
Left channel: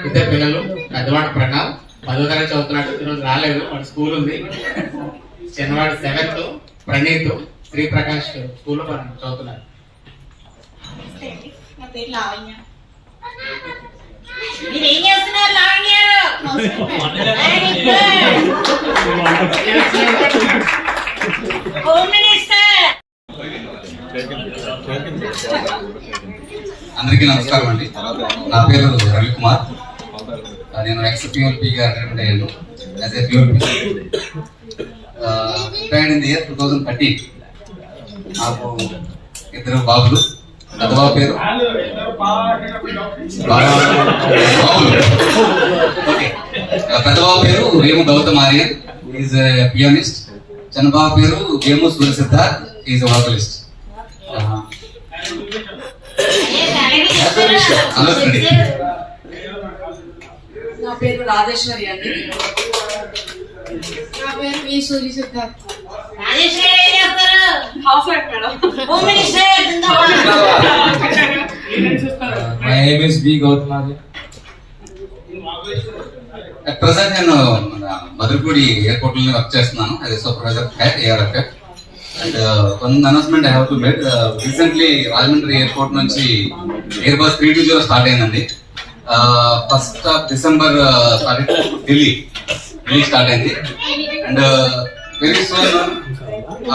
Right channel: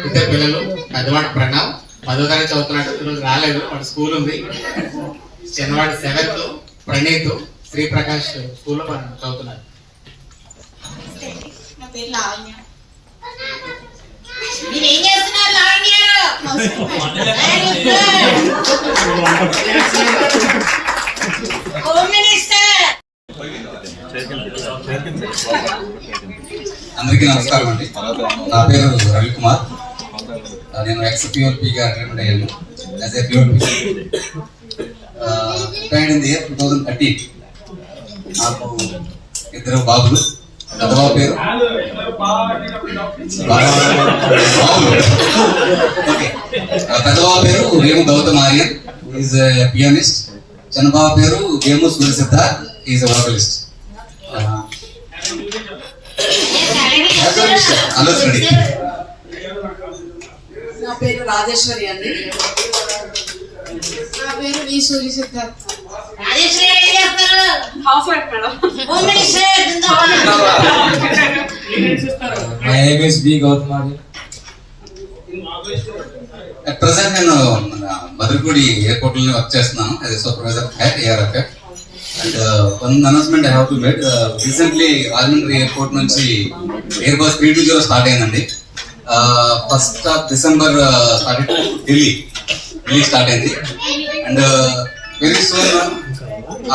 ఇద్దరు పిల్లలు, పెద్దవాడు ప్రణవ్ 10వ తరగతి చదువుతున్నాడు. ఈరోజు రాలేదు, వాడు స్కూల్ ఉంది. చిన్నవాడు 7th, ప్రణీత్ శ్రీప్రకాష్ స్కూల్లో చదువుతున్నారు. నా పేరు లావణ్య. మీరేం చేస్తున్నారు లావణ్య? Home minister. అందరికీ నమస్కారం అండి. నా పేరు రవికుమార్. నేను ex-POLP గా రిటైర్మెంట్ అయ్యాను. As a POLP retired in the year 2013. నాకు 2 బాబులు. పెద్ద బాబు పేరు వేము గౌతమ్ ఆర్యన్, ఈజ్ పియానిస్ట్. చిన్న బాబు పేరు వేము సూర్య సిద్ధార్థ్, ఈజ్ వోకలిస్ట్. నా పేరు రాజేశ్వరి అండి. నా పేరు వి సూర్య Siddharth. My name is B. Gautam Arya. At present నేను మధురపూడి ఎయిర్పోర్ట్ లో వర్క్ చేస్తున్నాను as a supervisor at ARFF. And one announcement I have to make. Recently Rajahmundry airport నుంచి ఎయిర్ బస్ 320 స్టార్ట్ అయిందండి. 1st of December start Delhi start అయింది. And very soon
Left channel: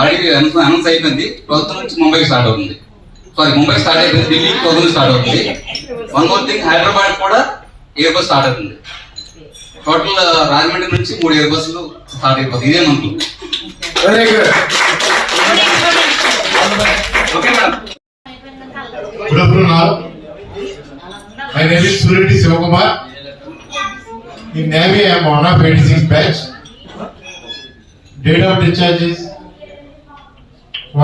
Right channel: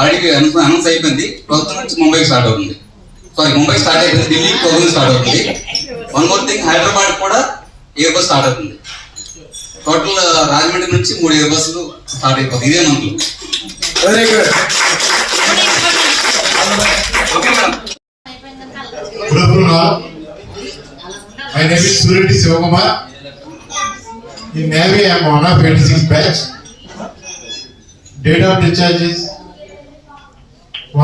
already announce అయిపోయింది. 12th నుంచి ముంబై స్టార్ట్ అవుతుంది. ముంబై స్టార్ట్ అయిపోయింది, ఢిల్లీ 12th స్టార్ట్ అవుతుంది. వన్ మోర్ థింగ్, హైదరాబాద్ కూడా ఎయిర్ బస్ స్టార్ట్ అవుతుంది. టోటల్ రాజమండ్రి నుంచి 3 ఎయిర్ బస్సులు స్టార్ట్ అయిపోతుంది ఇదే month. Very good. Good afternoon all. My name is Sureti Sivakumar. In Navy, I am one of 86 batch. Date of discharge is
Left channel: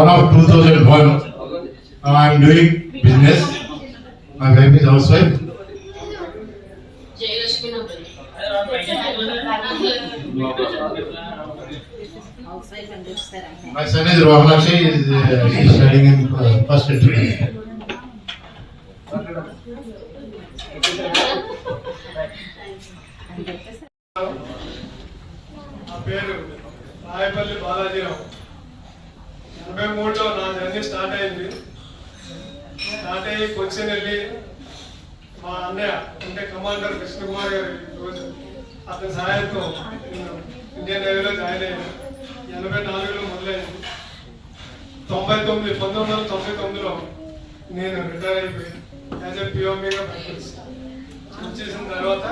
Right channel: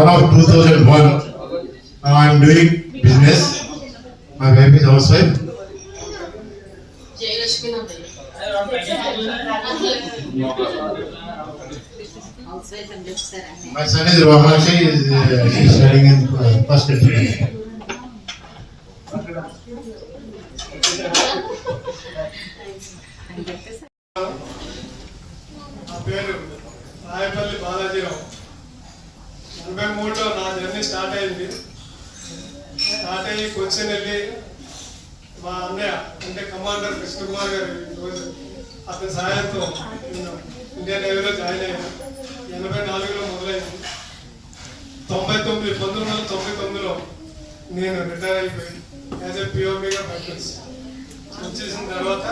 1 of 2001. Now I am doing business. My wife is housewife. Jayalakshmi నా పేరు. My son is Ramanakshi, is studying in first year. నా పేరు రాయపల్లి బాలాజీరావు. 83లో నా జర్నీ స్టార్ట్ అయ్యింది. స్టార్ట్ అయ్యి కొచ్చిన్ వెళ్ళి మా అన్నయ్య అంటే కమాండర్ కృష్ణకుమార్ గారు రోజు అతని సహాయంతో నేను ఇండియన్ నేవీలో జాయిన్ అయ్యాను. 84లో మొదలైంది. 1999లో నేను రిటైర్ అయిపోయాను యాజ్ ఏ పిఓపిగా ప్రాక్టీస్ వచ్చేసిన తర్వాత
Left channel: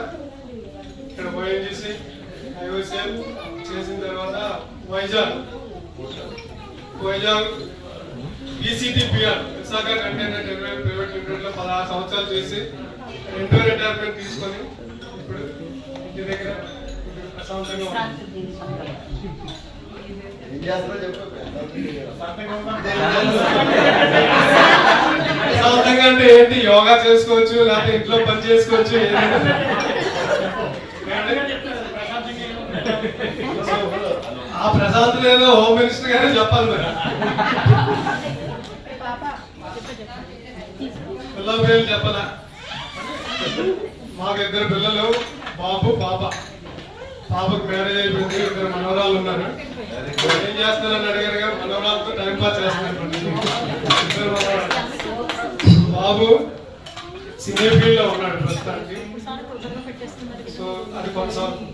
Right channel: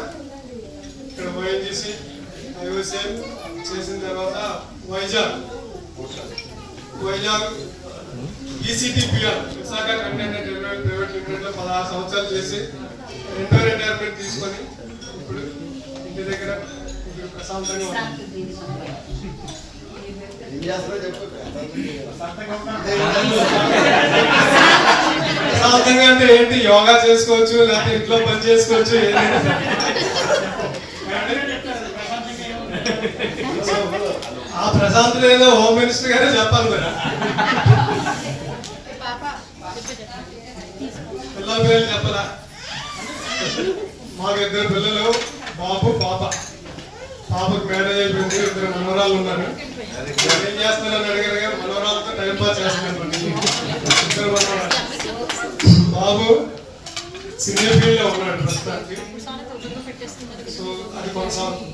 ఇక్కడ ఓఎన్జీసీ ఐఓసిఎల్ చేసిన తర్వాత Vizag ECTPR Visakha container terminal private లిమిటెడ్లో 16 సంవత్సరాలు చేసి రెండో రిటైర్మెంట్ తీసుకొని ఇప్పుడు ఇంటి దగ్గర ఇప్పుడు ప్రశాంతంగా ఉన్నాను. ప్రశాంతంగా అంటే ఏంటి, యోగా చేసుకోవచ్చు లేకపోతే ఇంట్లో పని చేసుకోవచ్చు ఏదైనా. ఆ ప్రశాంత్ ఏదో హోమ్ మినిస్టర్ గారే చెప్పాలి మరి. పిల్లల పేరు చెప్పాలా? మాకు 2 పిల్లలు, బాబు పాప. పాపకు మ్యారేజ్ అయిపోయింది, 2 మనవరాళ్ళు ఉన్నారు. ఏం చేస్తానని అడిగారు కానీ మనవరాలతో టైం పాస్ చేస్తున్నారు. 2 మనవరాలు. బాబు సినీ ఫీల్డ్ లో ఉన్నాడు ప్రస్తుతానికి. సో అది కొనసాగుతుంది.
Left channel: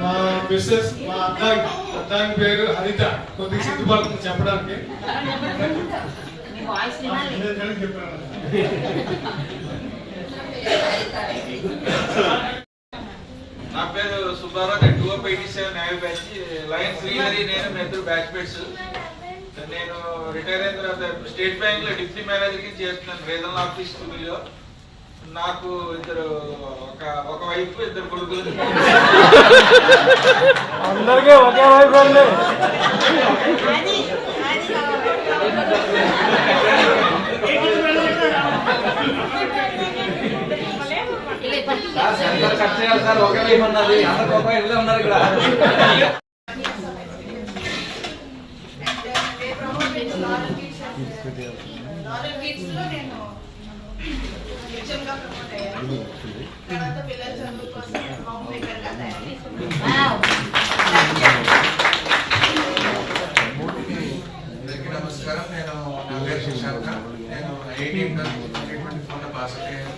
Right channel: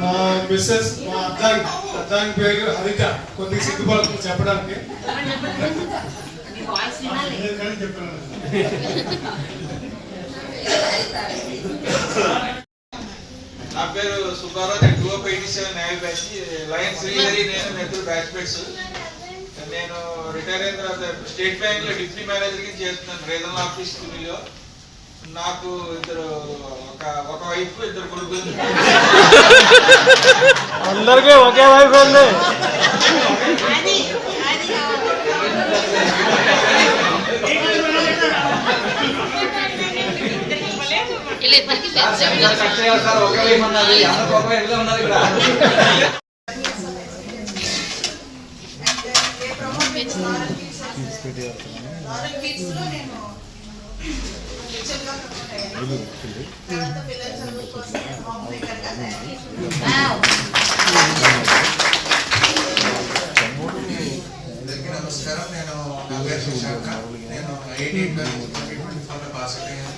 మా మిస్సెస్ మా అద్దాంగి పేరు హరిత. కొద్దిగా సిగ్గుపడుతుంది చెప్పడానికి. నా పేరు సుబ్బారావు. నేను 287 నేవీ బ్యాచ్. లయన్ శ్రీహరి నేను ఇద్దరు బ్యాచ్ మేట్స్. నేను రిటైర్ అయిన తర్వాత స్టేట్ బ్యాంక్ లో డిప్యూటీ మేనేజర్ గా చేస్తున్నాను రీజనల్ ఆఫీస్ లో. నాకు ఒక వైఫ్ 2 కొడుకులు. అందరికీ ఒకే వైఫ్ ఉంది. ఒకే వైఫ్ ఉన్నది. ఉన్నారు ఇక్కడ. తర్వాత పిల్లల చదువు కోసం హోమ్ మేకర్ గా తయారు. అందరికీ నమస్కారం. నా పేరు శశాంక. నేను 2024లో పాస్ అయ్యాను.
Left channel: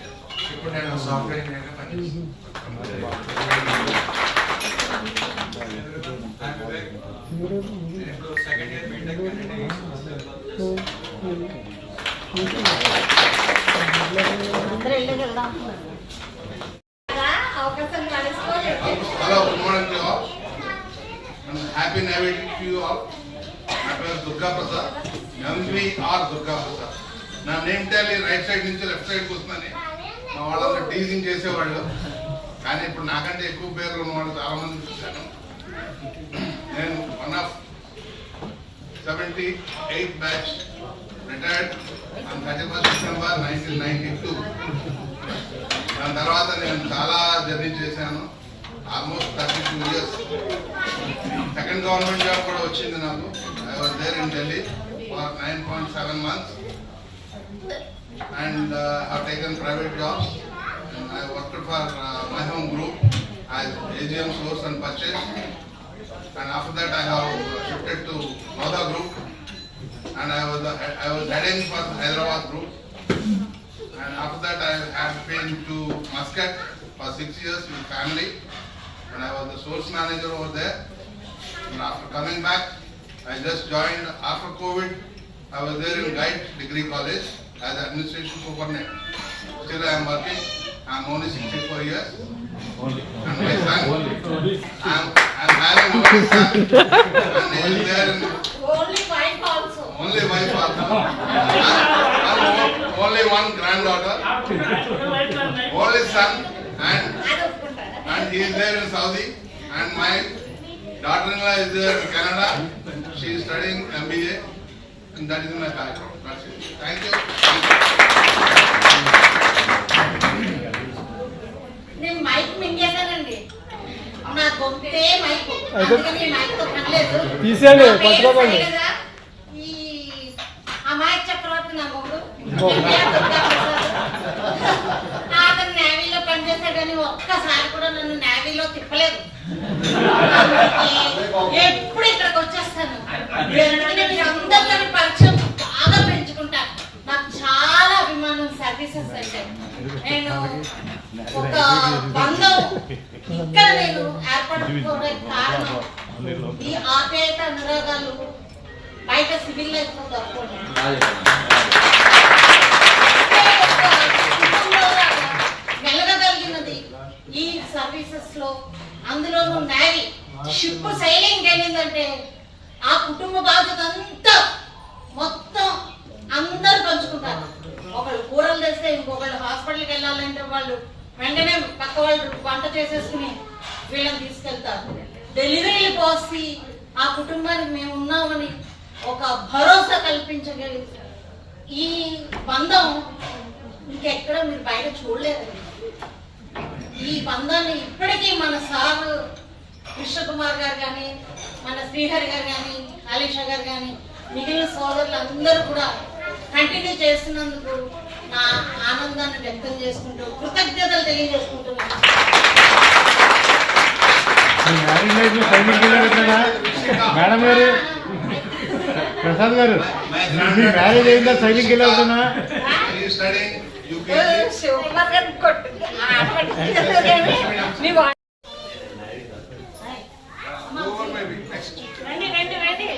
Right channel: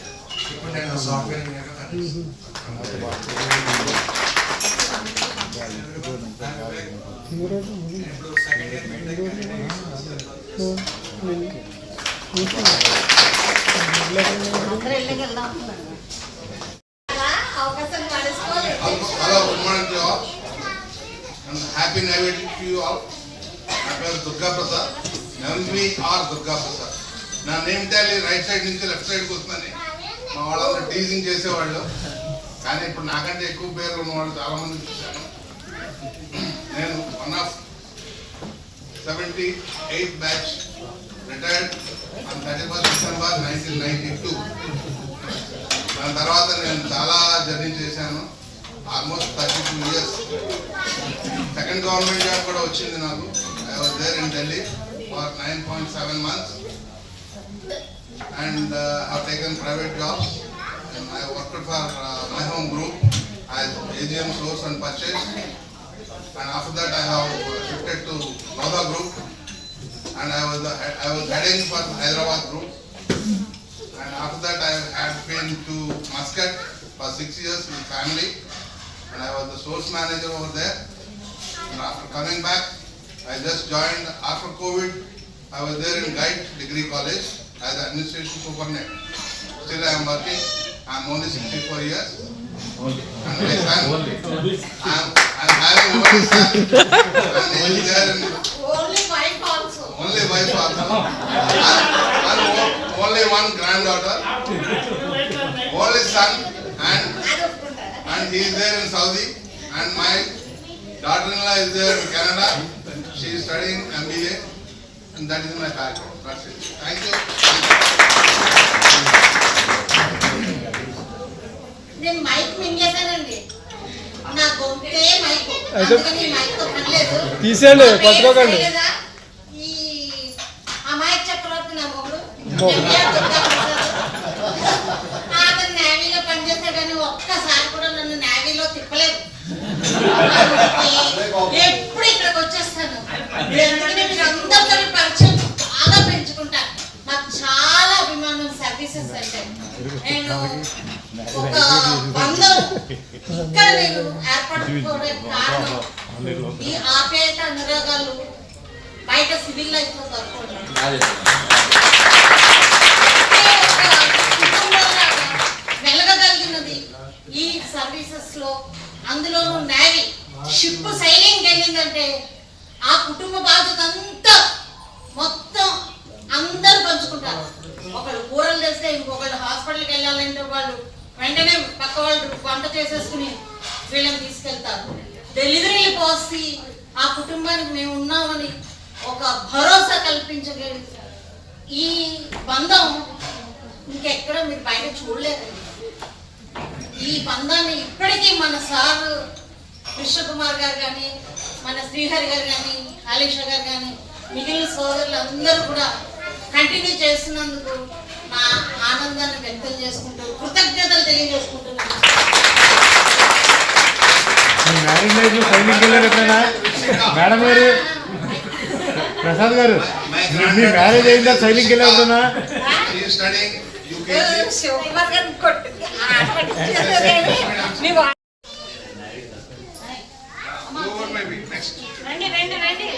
ఇప్పుడు నేను సాఫ్ట్వేర్ ఇంజనీర్ గా పనిచేస్తున్నాను. ఇప్పుడు second year BTech Hello, good morning to you all. And happy Navy to you all. నా పేరు దుర్గా ప్రసాద్. MVR దుర్గా ప్రసాద్. నా నేమ్ టాలీ రైట్ సైడ్ నుంచి లెఫ్ట్ సైడ్కి వస్తుందని మా వాళ్ళందరూ టీజింగ్ చేసేవాళ్ళు. కానీ ఇప్పుడు నాకంటే ఎక్కువ పేర్లు ఉన్నవాళ్ళు చాలా మంది చూశాను. నేను 1 of 78 batch, retired on 31st December 1992. దాని తర్వాత నేను చాలా జర్నీ చేశాను. Almost 32 years. Second government job కూడా వచ్చింది నాకు. I was there in Delhi for 9.7 months and have taken private jobs and I worked for my home group as AGM source and purchase, and after that I have shifted to Nova group and I was heading for Hyderabad group, and after that I had been to Muscat for 6 years with family and I was the source manager over there. And after coming back, I just joined after COVID. I was there in Guide Degree College as administration superintendent. Still I am working. I am only 64 years. And my son, I am having one son and he is there in Only wife also. only wife also. And only one granddaughter. Only son and he is there in Saudi, and my daughter-in-law is there in Canada. She is studying MBA. And that is my background. That's it. Thank you. నేను మైక్ మింగేశానండి. నా గొంతే మైక్. అందుకని ఈ మైక్ తో పనిలేదు. తీసేయండి, నా పేరు పట్టుకోకండి. శైలజ. ఈ అమాయక చక్రవర్తి నా మొగుడు. అతను నేవీలో పనిచేశాడని ఒక్కసారి కూడా నన్ను నేవీలో తిప్పలేదు. ఎప్పుడు ఇక్కడికి వచ్చేస్తాను. ఎందుకంటే మీరు అందరితో పరిచయం బాగా పెంచుకుంటాను. నాకు చాలా అభిమానం సర్వీసెస్ అంటే. నేను ఒక బంధం ఇక్కడ నేను ఏర్పడుకోవడానికి కారణం ఈ ఆప్యాయత అనురాగాలు బయట సివిల్ లైఫ్ లో దొరకదు. వెలగగలిగినది ఈ సర్వీసెస్ లో, అందులోనూ నేవీ షిప్ సైలింగ్ వెళ్ళిందంటే ఆ కుటుంబ బాధ్యత అంతా మొత్తం అందరూ పంచుకుంటారు. ఒకళ్ళు కూరలు తెస్తే ఇంకొకళ్ళు హాస్పిటల్కి వెళ్ళాలంటే వాళ్ళు వెంటనే పక్క వాళ్ళు వంట చేసేసుకుని వీళ్ళని తీసుకెళ్తారు. డెలివరీలు పోసి ఆ కుటుంబానికి మేము ఉన్నామని ఒక భరోసా కల్పించగలిగి ఈ బంధం ఇంకెక్కడ మీరు బయట చూడలేదండి. ఈ బంధాన్ని ఇప్పటికీ మన సార్ కృష్ణకుమార్ గారు కానీ, మన శ్రీహరి గారు కానీ, ఆలీషా గారు కానీ, మిగిలిన సోదరులు అందరూ కూడా కంటిన్యూ చేస్తున్నందుకు నా ఆనందాన్ని వ్యక్తం చేసుకుంటూ కృతజ్ఞతలు తెలియజేసుకుంటున్నాను. మేడం గారు, ప్రసాద్ గారు, మీ మ్యారేజ్ అయిందా? సైలింగ్కి వెళ్ళవుతున్నా? శివకుమార్ గారిని కొట్టు ఆట పట్టించేసారు కానీ మీ వా- రండి రండి రండి.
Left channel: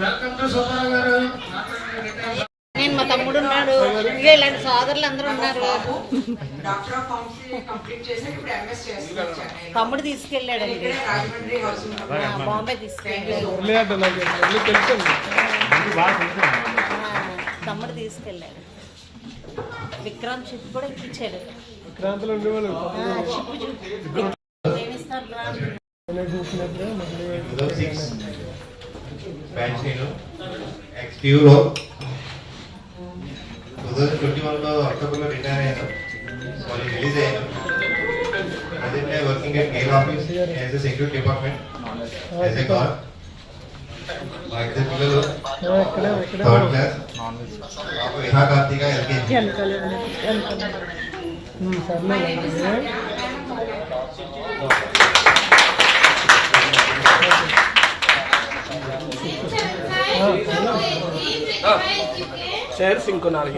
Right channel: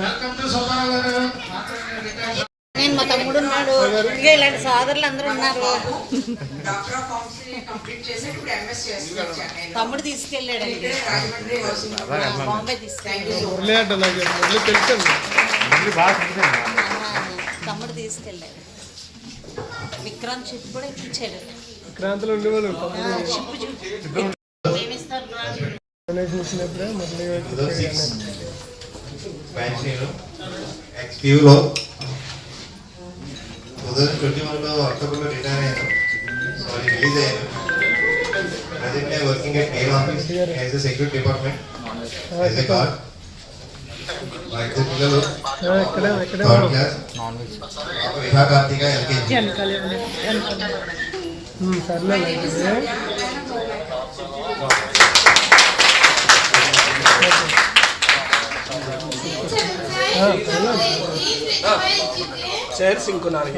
వెల్కమ్ టు సుబ్బారావు గారు. నేను మా తమ్ముడు ఉన్నాడు, ఇంకా ఇలాంటి సోదరులు అందరూ ఉన్నారు. డాక్టర్ ఆఫ్ ఫార్మసీ కంప్లీట్ చేసి ఇప్పుడు ఎంఎస్ చేస్తున్నాను నేను. తమ్ముడు తీసుకెళ్ళాడు ఇక్కడే రాజమండ్రి వస్తుంది. బాంబే తీసుకెళ్ళాడు. తమ్ముడు తీసుకెళ్ళాడు. విక్రాంత్ షిప్ కూడా ఇచ్చాడు. షిప్ ఏమిస్తారు? ఎక్స్క్యూలో 2021లో అక్టోబర్లో రిటైర్ అయ్యాను. సారీ రిలీజ్ అయ్యాను. Present working at mail office as a security department as a guard. మా ఇద్దరు పిల్లలు థర్డ్ క్లాస్, పాప విహా కార్తిక ఎల్కేజీ. చైర్స్ ఇంకో 4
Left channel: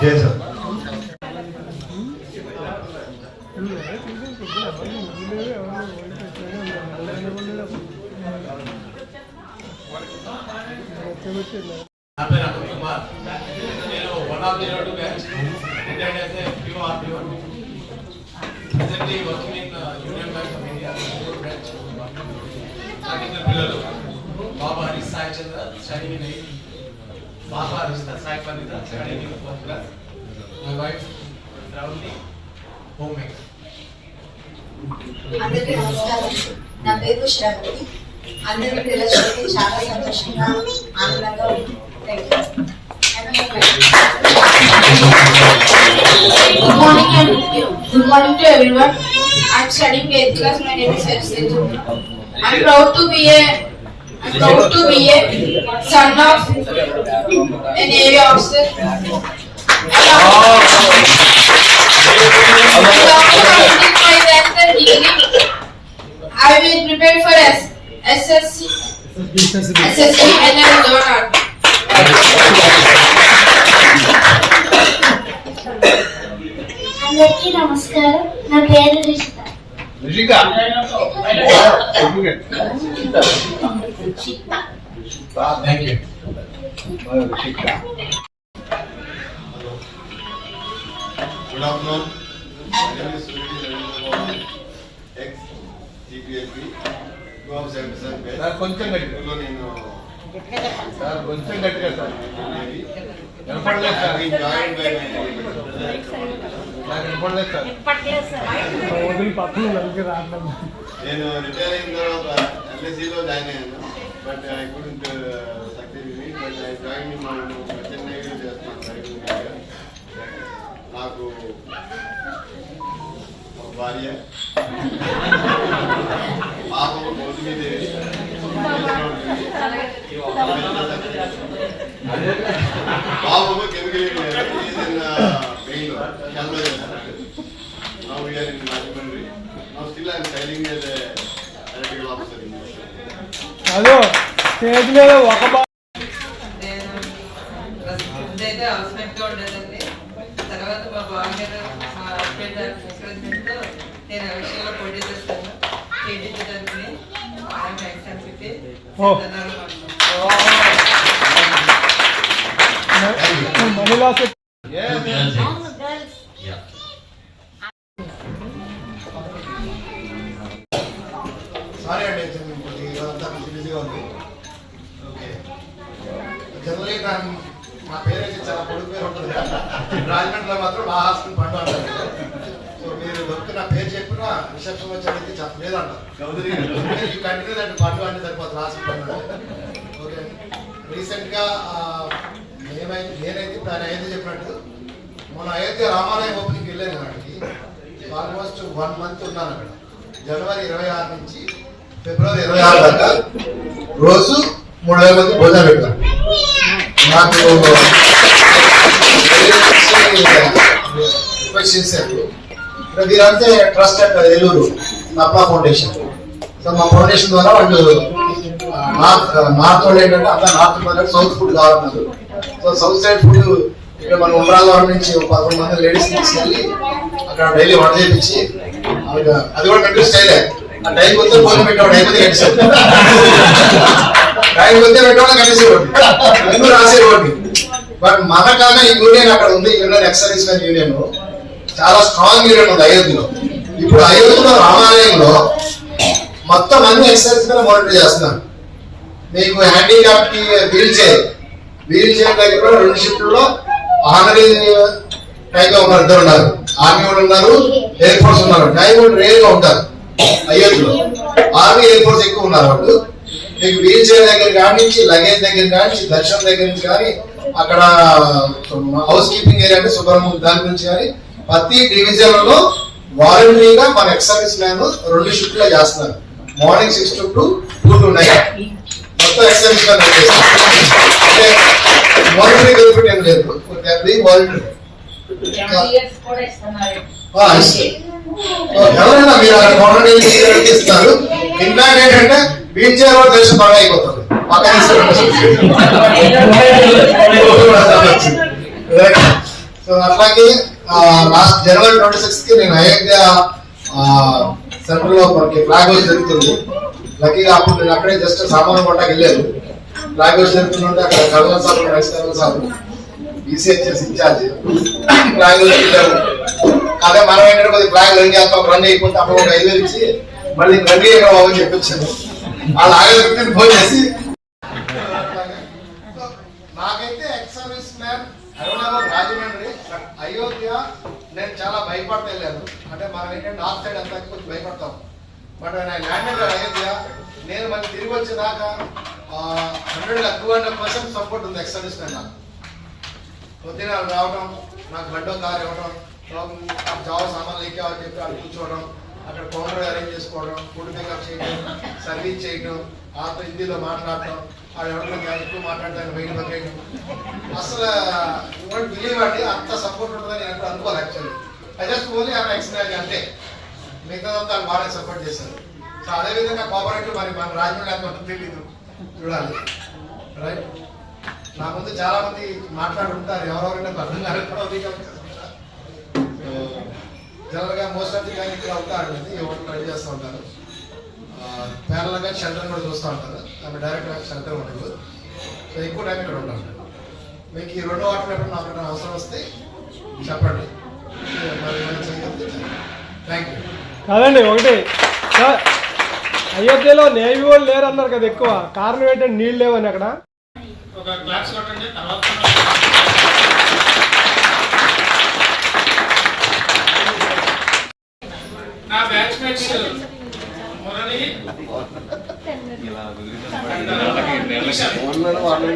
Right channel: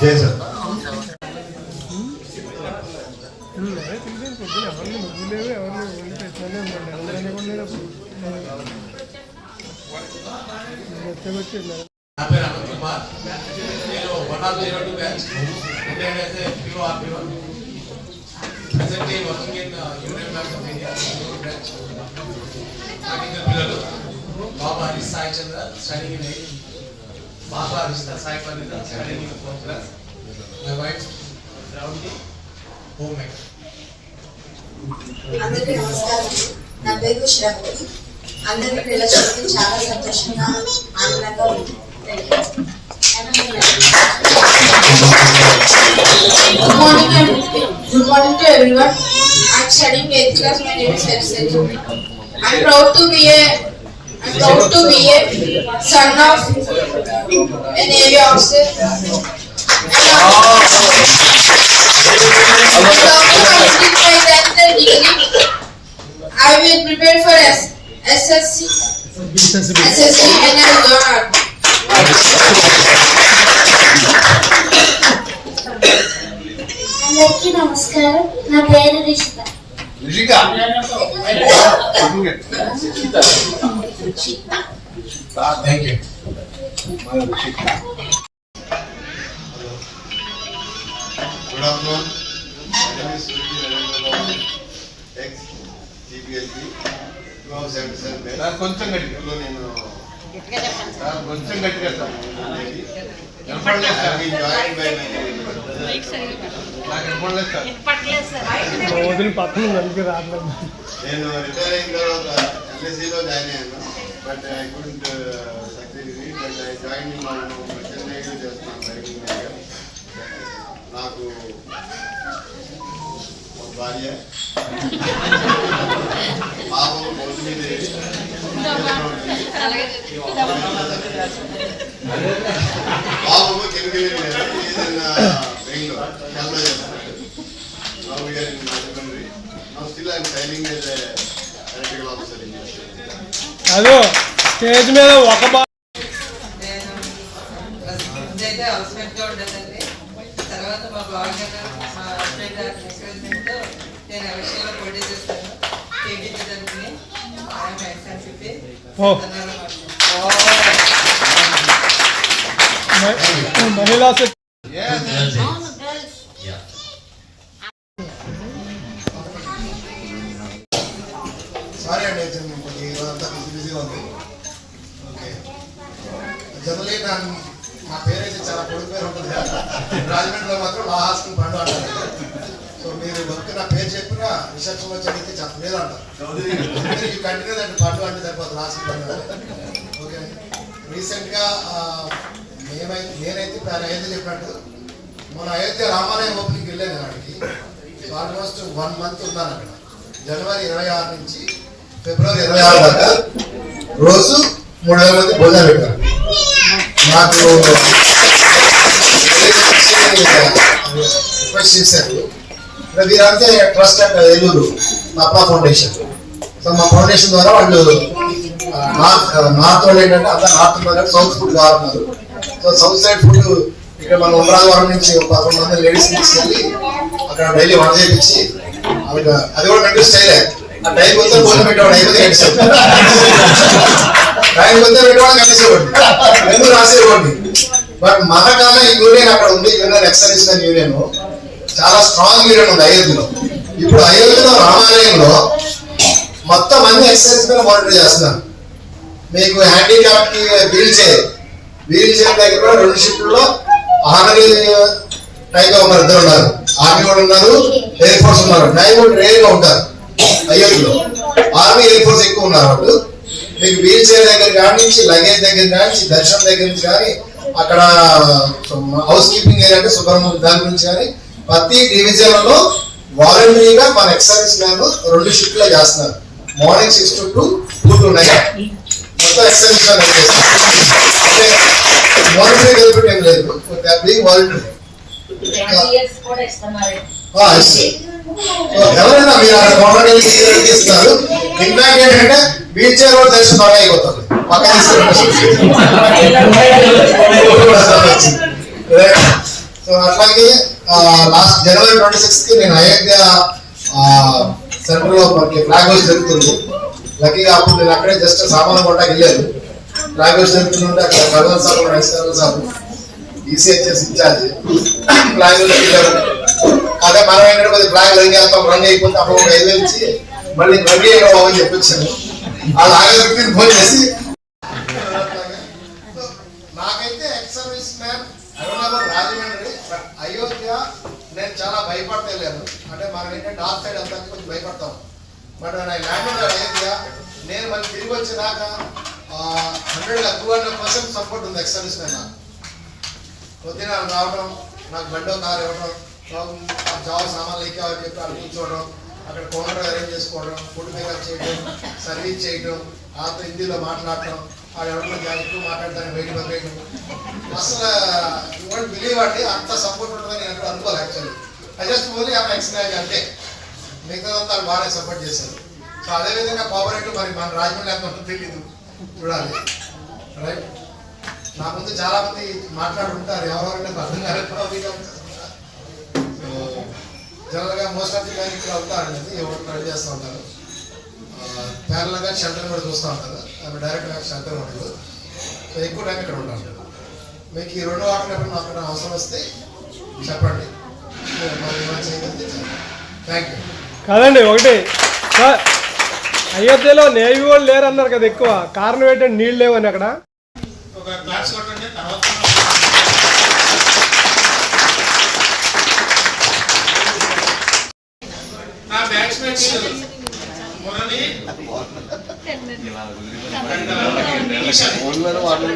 జై సార్. నా పేరు అమిత్ కుమార్. నేను 102 batch retired as a PORP1. Presently working in Union Bank of India branch. నాకు ఇద్దరు పిల్లలు, బాబా Harish Sai Chandra studying in 8th, పాప Harish Sai Parnitha studying in 4th class. My wife రౌండి హోమ్ మేకర్. అందరికీ నమస్కారం. నా పేరు శ్రవణి. అందరికీ పిల్లలకి చాలా సంతోషంగా ఆనందంగా ఉంది. Good morning to everyone. I'm studying 8th class. My name is Hafsat. I'm proud to be a son of a Navy officer. After completing my 10th degree, I will prepare for SSC and I will learn art. అందరికీ నమస్కారం. నా పేరు Rishita. Thank you. Good afternoon. My name is Suriti Narendra, ex-GPSB, Guam 77 కొంచెం గట్టిగా నేను కొంచెం గట్టిగా సార్. నేను రిటైర్ అయిన తర్వాత ఎల్ఐసిలో జాయిన్ అయ్యాను. But I couldn't succeed. But I join Chennai చేస్తున్నాను డ్రైవింగ్. నాకు ఒక భార్య, పాపం పొద్దు మీద బాబు కెమికల్ బెంగళూరు చాలా చేస్తున్నాడు. Now we are in Rajahmundry. Now still I am signing as a electrical officer in this. అదో స్టేజ్ మీద ఒక అయితే అవసరంగా ఉండేదండి. తర్వాత మా బావగారు మా హస్బెండ్ ఎంకరేజ్మెంట్తో నేను ఆ విషయంలో పోటీ చేస్తాను. టీడీపీ తరఫుని ఆయన ఎగ్జామ్స్ మహిళా సారీ అండి, కొద్దిగా అంతా బిజీగా ఉంది. ఓకే, జనరలీ మా పేరైతే చాలా పొడుగు పేరు ఉంటుంది. రాజమండ్రిలో మాత్రం లా హాస్టల్ పండు అంటారు. సో మీరు ఒక్క నా పేరు చెప్పినా రిసెప్షన్ వచ్చి అడిగితే చెప్పలేదు అంటారు. యూ కంటిన్యూ దాన్ని పండు అంటే సరిపోతుంది, హాస్టల్ పండు అంటే. ఓకే అండి, రీసెంట్గా నేనైతే ఆయన అయోధ్య చెప్పినట్టు మన అయోధ్య రామాలయం ఓపెనింగ్కి వెళ్ళాను వాడికి. సో ఆల్మోస్ట్ 1 month ఉన్నాను అక్కడ. జనవరి 26 నుంచి ఫిబ్రవరి 26 దాకా రోజు 3000 మంది భోజనం పెట్టారు. నాకు రిక్వెస్ట్ చేశారు. వీరంతే ట్రస్ట్ అట్ ఏలూరు నప్పా ఫౌండేషన్. సో మా ఫౌండేషన్ ద్వారా వాళ్ళు నార్త్ వాళ్ళు ఏంటంటే అంతా నార్త్ సౌత్ ఫుడ్ కావాలన్నారు. సో సౌత్ సైడ్ ఫుడ్ ఇక్కడ మన ఉమరాగవరం నుంచి 11 మంది లేడీస్ తీసుకెళ్ళి అక్కడ డైలీ వంట చేయించి అది కూడా కంట్రీ స్టైలే. ఆ టైం కొత్త భోజనం పెట్టేవాడు, అయిపోతే కట్టేసాడు. టైం కొత్త పెట్టేవాడు కట్టేసేవాడు, ఎందుకు రాసేవాడిని. బట్ మనకన్నా ఈ యూనియన్ అక్కడ ఉంది. యూనియన్ ఎక్సర్వీస్ మెన్ యూనియన్ చాలా స్ట్రాంగ్ యూనియన్ ఉంది అయోధ్యలో. ఇప్పుడు అయోధ్యలో రామాలయంలో మొత్తం అన్ని ఎక్సర్వీస్ మెన్ మానిటర్ చేస్తున్నారు. మీకు హ్యాండిక్యాప్ కి వీల్ చైర్ దగ్గర కూడా 2 షిఫ్ట్లో ఆనరీ టైప్ ఉన్నారు, 2 ఉన్నారు. ఆర్మీ వాళ్ళు ఉన్నారు, ఎయిర్ ఫోర్స్ ఉన్నారు. టైం రేర్ గా ఉంటారు అయోధ్యలో. ఆర్మీ ఎయిర్ ఫోర్స్ ఎక్కువ ఉన్నారు వాళ్ళు. మీకు వీల్ చైర్ దగ్గర కానీ, లగేజ్ దగ్గర కానీ, దర్శనం దగ్గర నుంచి కానీ, అక్కడ హౌస్ కీపింగ్ ఏరియా అంటే సుబ్రహ్మణ్యం దాని నుంచి కానీ ప్రతి డివిజన్ లో వాలంటరీగా మన ఎక్సర్వీస్ మ్యాన్ 2 షిఫ్ట్లో చేస్తున్నారు. మార్నింగ్ 6 to 2, 2 to 9 మొత్తం ఎక్సర్వీస్ మ్యాన్ చేస్తారు. అంటే వాలంటరీ బెనిఫిట్ ఏం లేదు, వాలంటరీ. ఎవరైనా మీరు అక్కడ గవర్నమెంట్ ఇస్తారు. ఇంపాక్ట్ ఏంటంటే వీల్ చైర్ కూడా తెలిసి బాగా అయిపోతుంది. పక్కన సో అట్లాగే లాస్ట్ జనవరి 26 కి నేను అయోధ్య సెంటర్ లో మనకి ఫ్లాగ్ హౌస్ జరుగుతుంది. లక్కీగా అప్పుడు నేను అక్కడే జస్ట్ సామాన్లు కొట్టకి వెళ్ళాను. ఫ్లాగ్ హౌస్ జరుగుతుంటే అక్కడ గవర్నర్ సాబ్, రైస్ గవర్నర్ సాబ్, ఈసీహెచ్ఎస్ ఇన్ఛార్జ్ ఫ్లాగ్ హౌస్ వెళ్ళాము. అదే మనం ఏంటంటే కొద్దిగా ఫ్లాగ్ రన్ చేస్తాం, రన్ అయిపోతే అప్పుడు ఒక 5,000 ఇచ్చి మళ్ళీ రన్ చేయడం అని చెప్పొచ్చాను. అలా ఆగే ఫోన్ చేసి నాకైతే ex service man Rajahmundry, but Ayodhya నేను చాలా భయపడతా వెళ్ళాను. అంటే మనం ఏంటంటే నార్త్ సైడ్ అంతా కొంచెం భయపడతాం. బట్ నేను ల్యాండ్ అయోధ్య నేను మళ్ళీ తిరిగి వచ్చేదాకా 100% సపోర్ట్ ఉంది ఎక్స్ సర్వీస్ మ్యాన్. నాకు పొద్దున రావడం, నాకు బండో కారు ఇవ్వడం, జాబ్ సామాన్లు ఎక్కావని చెప్పి అక్కడ కూర్చోవడం, అక్కడ కౌంటర్ అరేంజ్ చేసుకోవడం, ఫుడ్ మేకప్ చేయడం, సర్వీస్ చేయడం, ఆతో హిందీలో మాట్లాడటం, ఆ ఎవరితో ఎక్కువ మాట్లాడతాను బయట పక్కన. అసలు ఇవ్వండి బిలీవ్ అండి, అంత సపోర్ట్ ఉంటుందని నేను ఎప్పుడు అనుకోవాలి. Actually I just only explain అంటే మిగతాదంతా బాగానే సపోర్ట్ చేశారు. సో అదేవిధంగా కోఆపరేటివ్ మరి మన రాజమండ్రి ఎంత తెలీదు, చూడాలి. రైట్, నా ముందు చాలా మంది మాట్లాడుంటారు, ఎవరెవరైనా అర్థం కాలేదు. జనరల్ గా మోస్ట్ ఆఫ్ ది టైం ఇక్కడ అవుతారండి, ఎవరు ట్రై చేస్తూ ఉంటారు. ప్యారల్ గా షెల్టర్ కూడా చూస్తూ ఉంటారు, ఆమె డైరెక్ట్ గా షెల్టర్ ఉండదు. సో ఎక్కువ టైం ఇక్కడ ఉంటారు. మీకు ఈ 2 వాటర్ ఎప్పుడు నాకు అవసరం వస్తే చెప్పండి, మరి ఏమైనా చేయగలిగితే థ్యాంక్ యూ. కాదండి, ఒకటి అయోధ్యలో నేవీ వాళ్ళు లేరు అన్నారు కదా, ఎక్కువ కారణం ఏంటంటే నీళ్ళు లేవని అక్కడ. ఒక క్లాస్ కొట్టండి తర్వాత ఏజెంట్స్ మురళి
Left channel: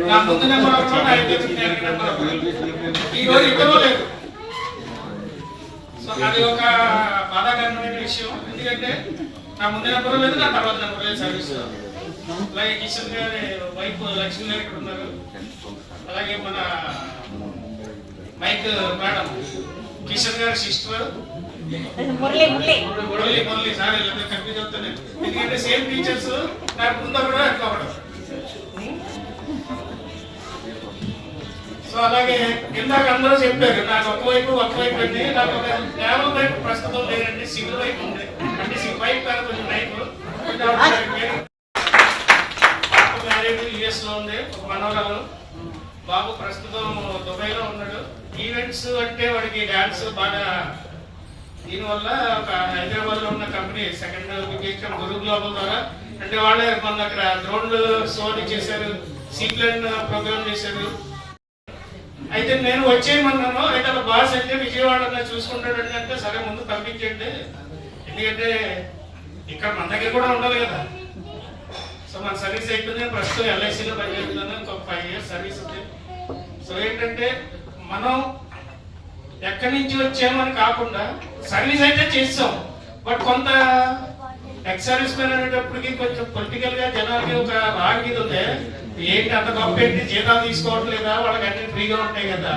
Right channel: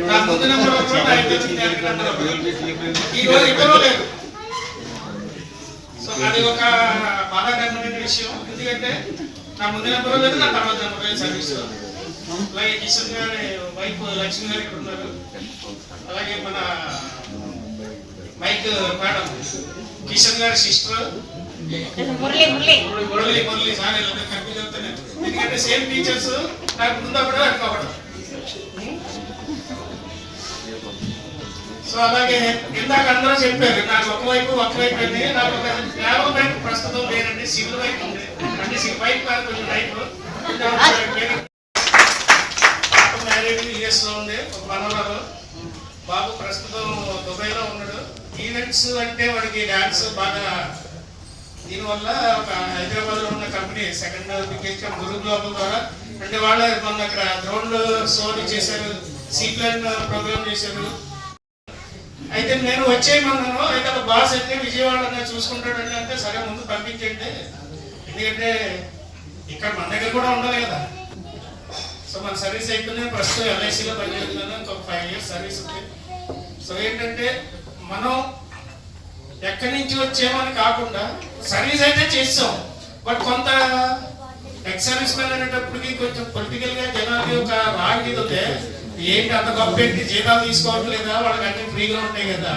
నా ముందు నెంబర్ ఒకరు, నా ఇద్దరు నెంబర్ ఒకరు. ఈ రోజు ఇద్దరు లేదు. సో అది ఒక బాధాకరమైన విషయం. ఎందుకంటే నా ముందు నెంబర్ లేదు, నా తర్వాత నెంబర్ లేదు సర్వీస్. అలాగే కిషన్ గారి వైఫ్ లక్ష్మి గారు ఇక్కడ ఉన్నారు. అలాగే మన మైక్ మేడం కిషన్ గారి సిస్టర్ మురళి సార్ వీళ్ళందరూ కన్ఫ్యూజ్ అవుతున్నాయి. ఎందుకంటే సేమ్ టీచర్స్ నాకు ముందు కూడా అనుకోవడం. సో అలాగే ఇందాక అందరూ చెప్పారు నాకు ఒకవైపు అండి, నాకు ఒక కేవలం వైపు ప్రస్తుతం లేదండి, సివిల్ వైపు ఉంది. అంటే సివిల్ వైపు కాదు, కొంచెం వైపు మ్యారేజ్ యుఎస్ లో ఉంది. ఒక మనవరాలు బాబు ప్రస్తుతం దుబాయ్ లో ఉన్నాడు. ఈవెంట్స్ అంటే వాడికి డాన్స్ బాగా. దీనివల్ల ఒక హైదరాబాద్ లో ఉన్న కంపెనీ సెకండ్ గురు గ్లోబల్ ద్వారా అంటే వాళ్ళే మన అక్కడ డ్రోన్లు షోలు చేశారు, సీప్లాన్ ప్రోగ్రామ్ చేశారు. అయితే నేను వచ్చేయమన్నాను. అయితే అలా బాస్ అంటే విజయవాడ చూసుకుంటాడండి అంటే సరే ముందు పంపించండి, ఎందుకంటే ఇక్కడ మన దగ్గర కూడా ఉండాలి కదా. సో మన సర్వీస్ అయిపోయింది. ప్రస్తుతం ఎల్ఐసిలో పనిచేస్తున్నాను. ఇంకొక 5 years సర్వీస్ ఉంది. సో ఏంటంటే మనం ఎక్కడి నుంచి వచ్చామని కాకుండా సర్వీస్ అయితే చేస్తాం. బట్ కొంత ఎక్స్ సర్వీస్ మ్యాన్ అనేటప్పటికి కొంచెం పొలిటికల్ గా జనాలకి ఒక రాగి ఉంటే ఏంటి అంత గొప్ప ఏంటి, జీతాలు తీసుకోవడం లేదా, వాళ్ళకి అన్ని ఫ్రీగా ఉంటాయి కదా.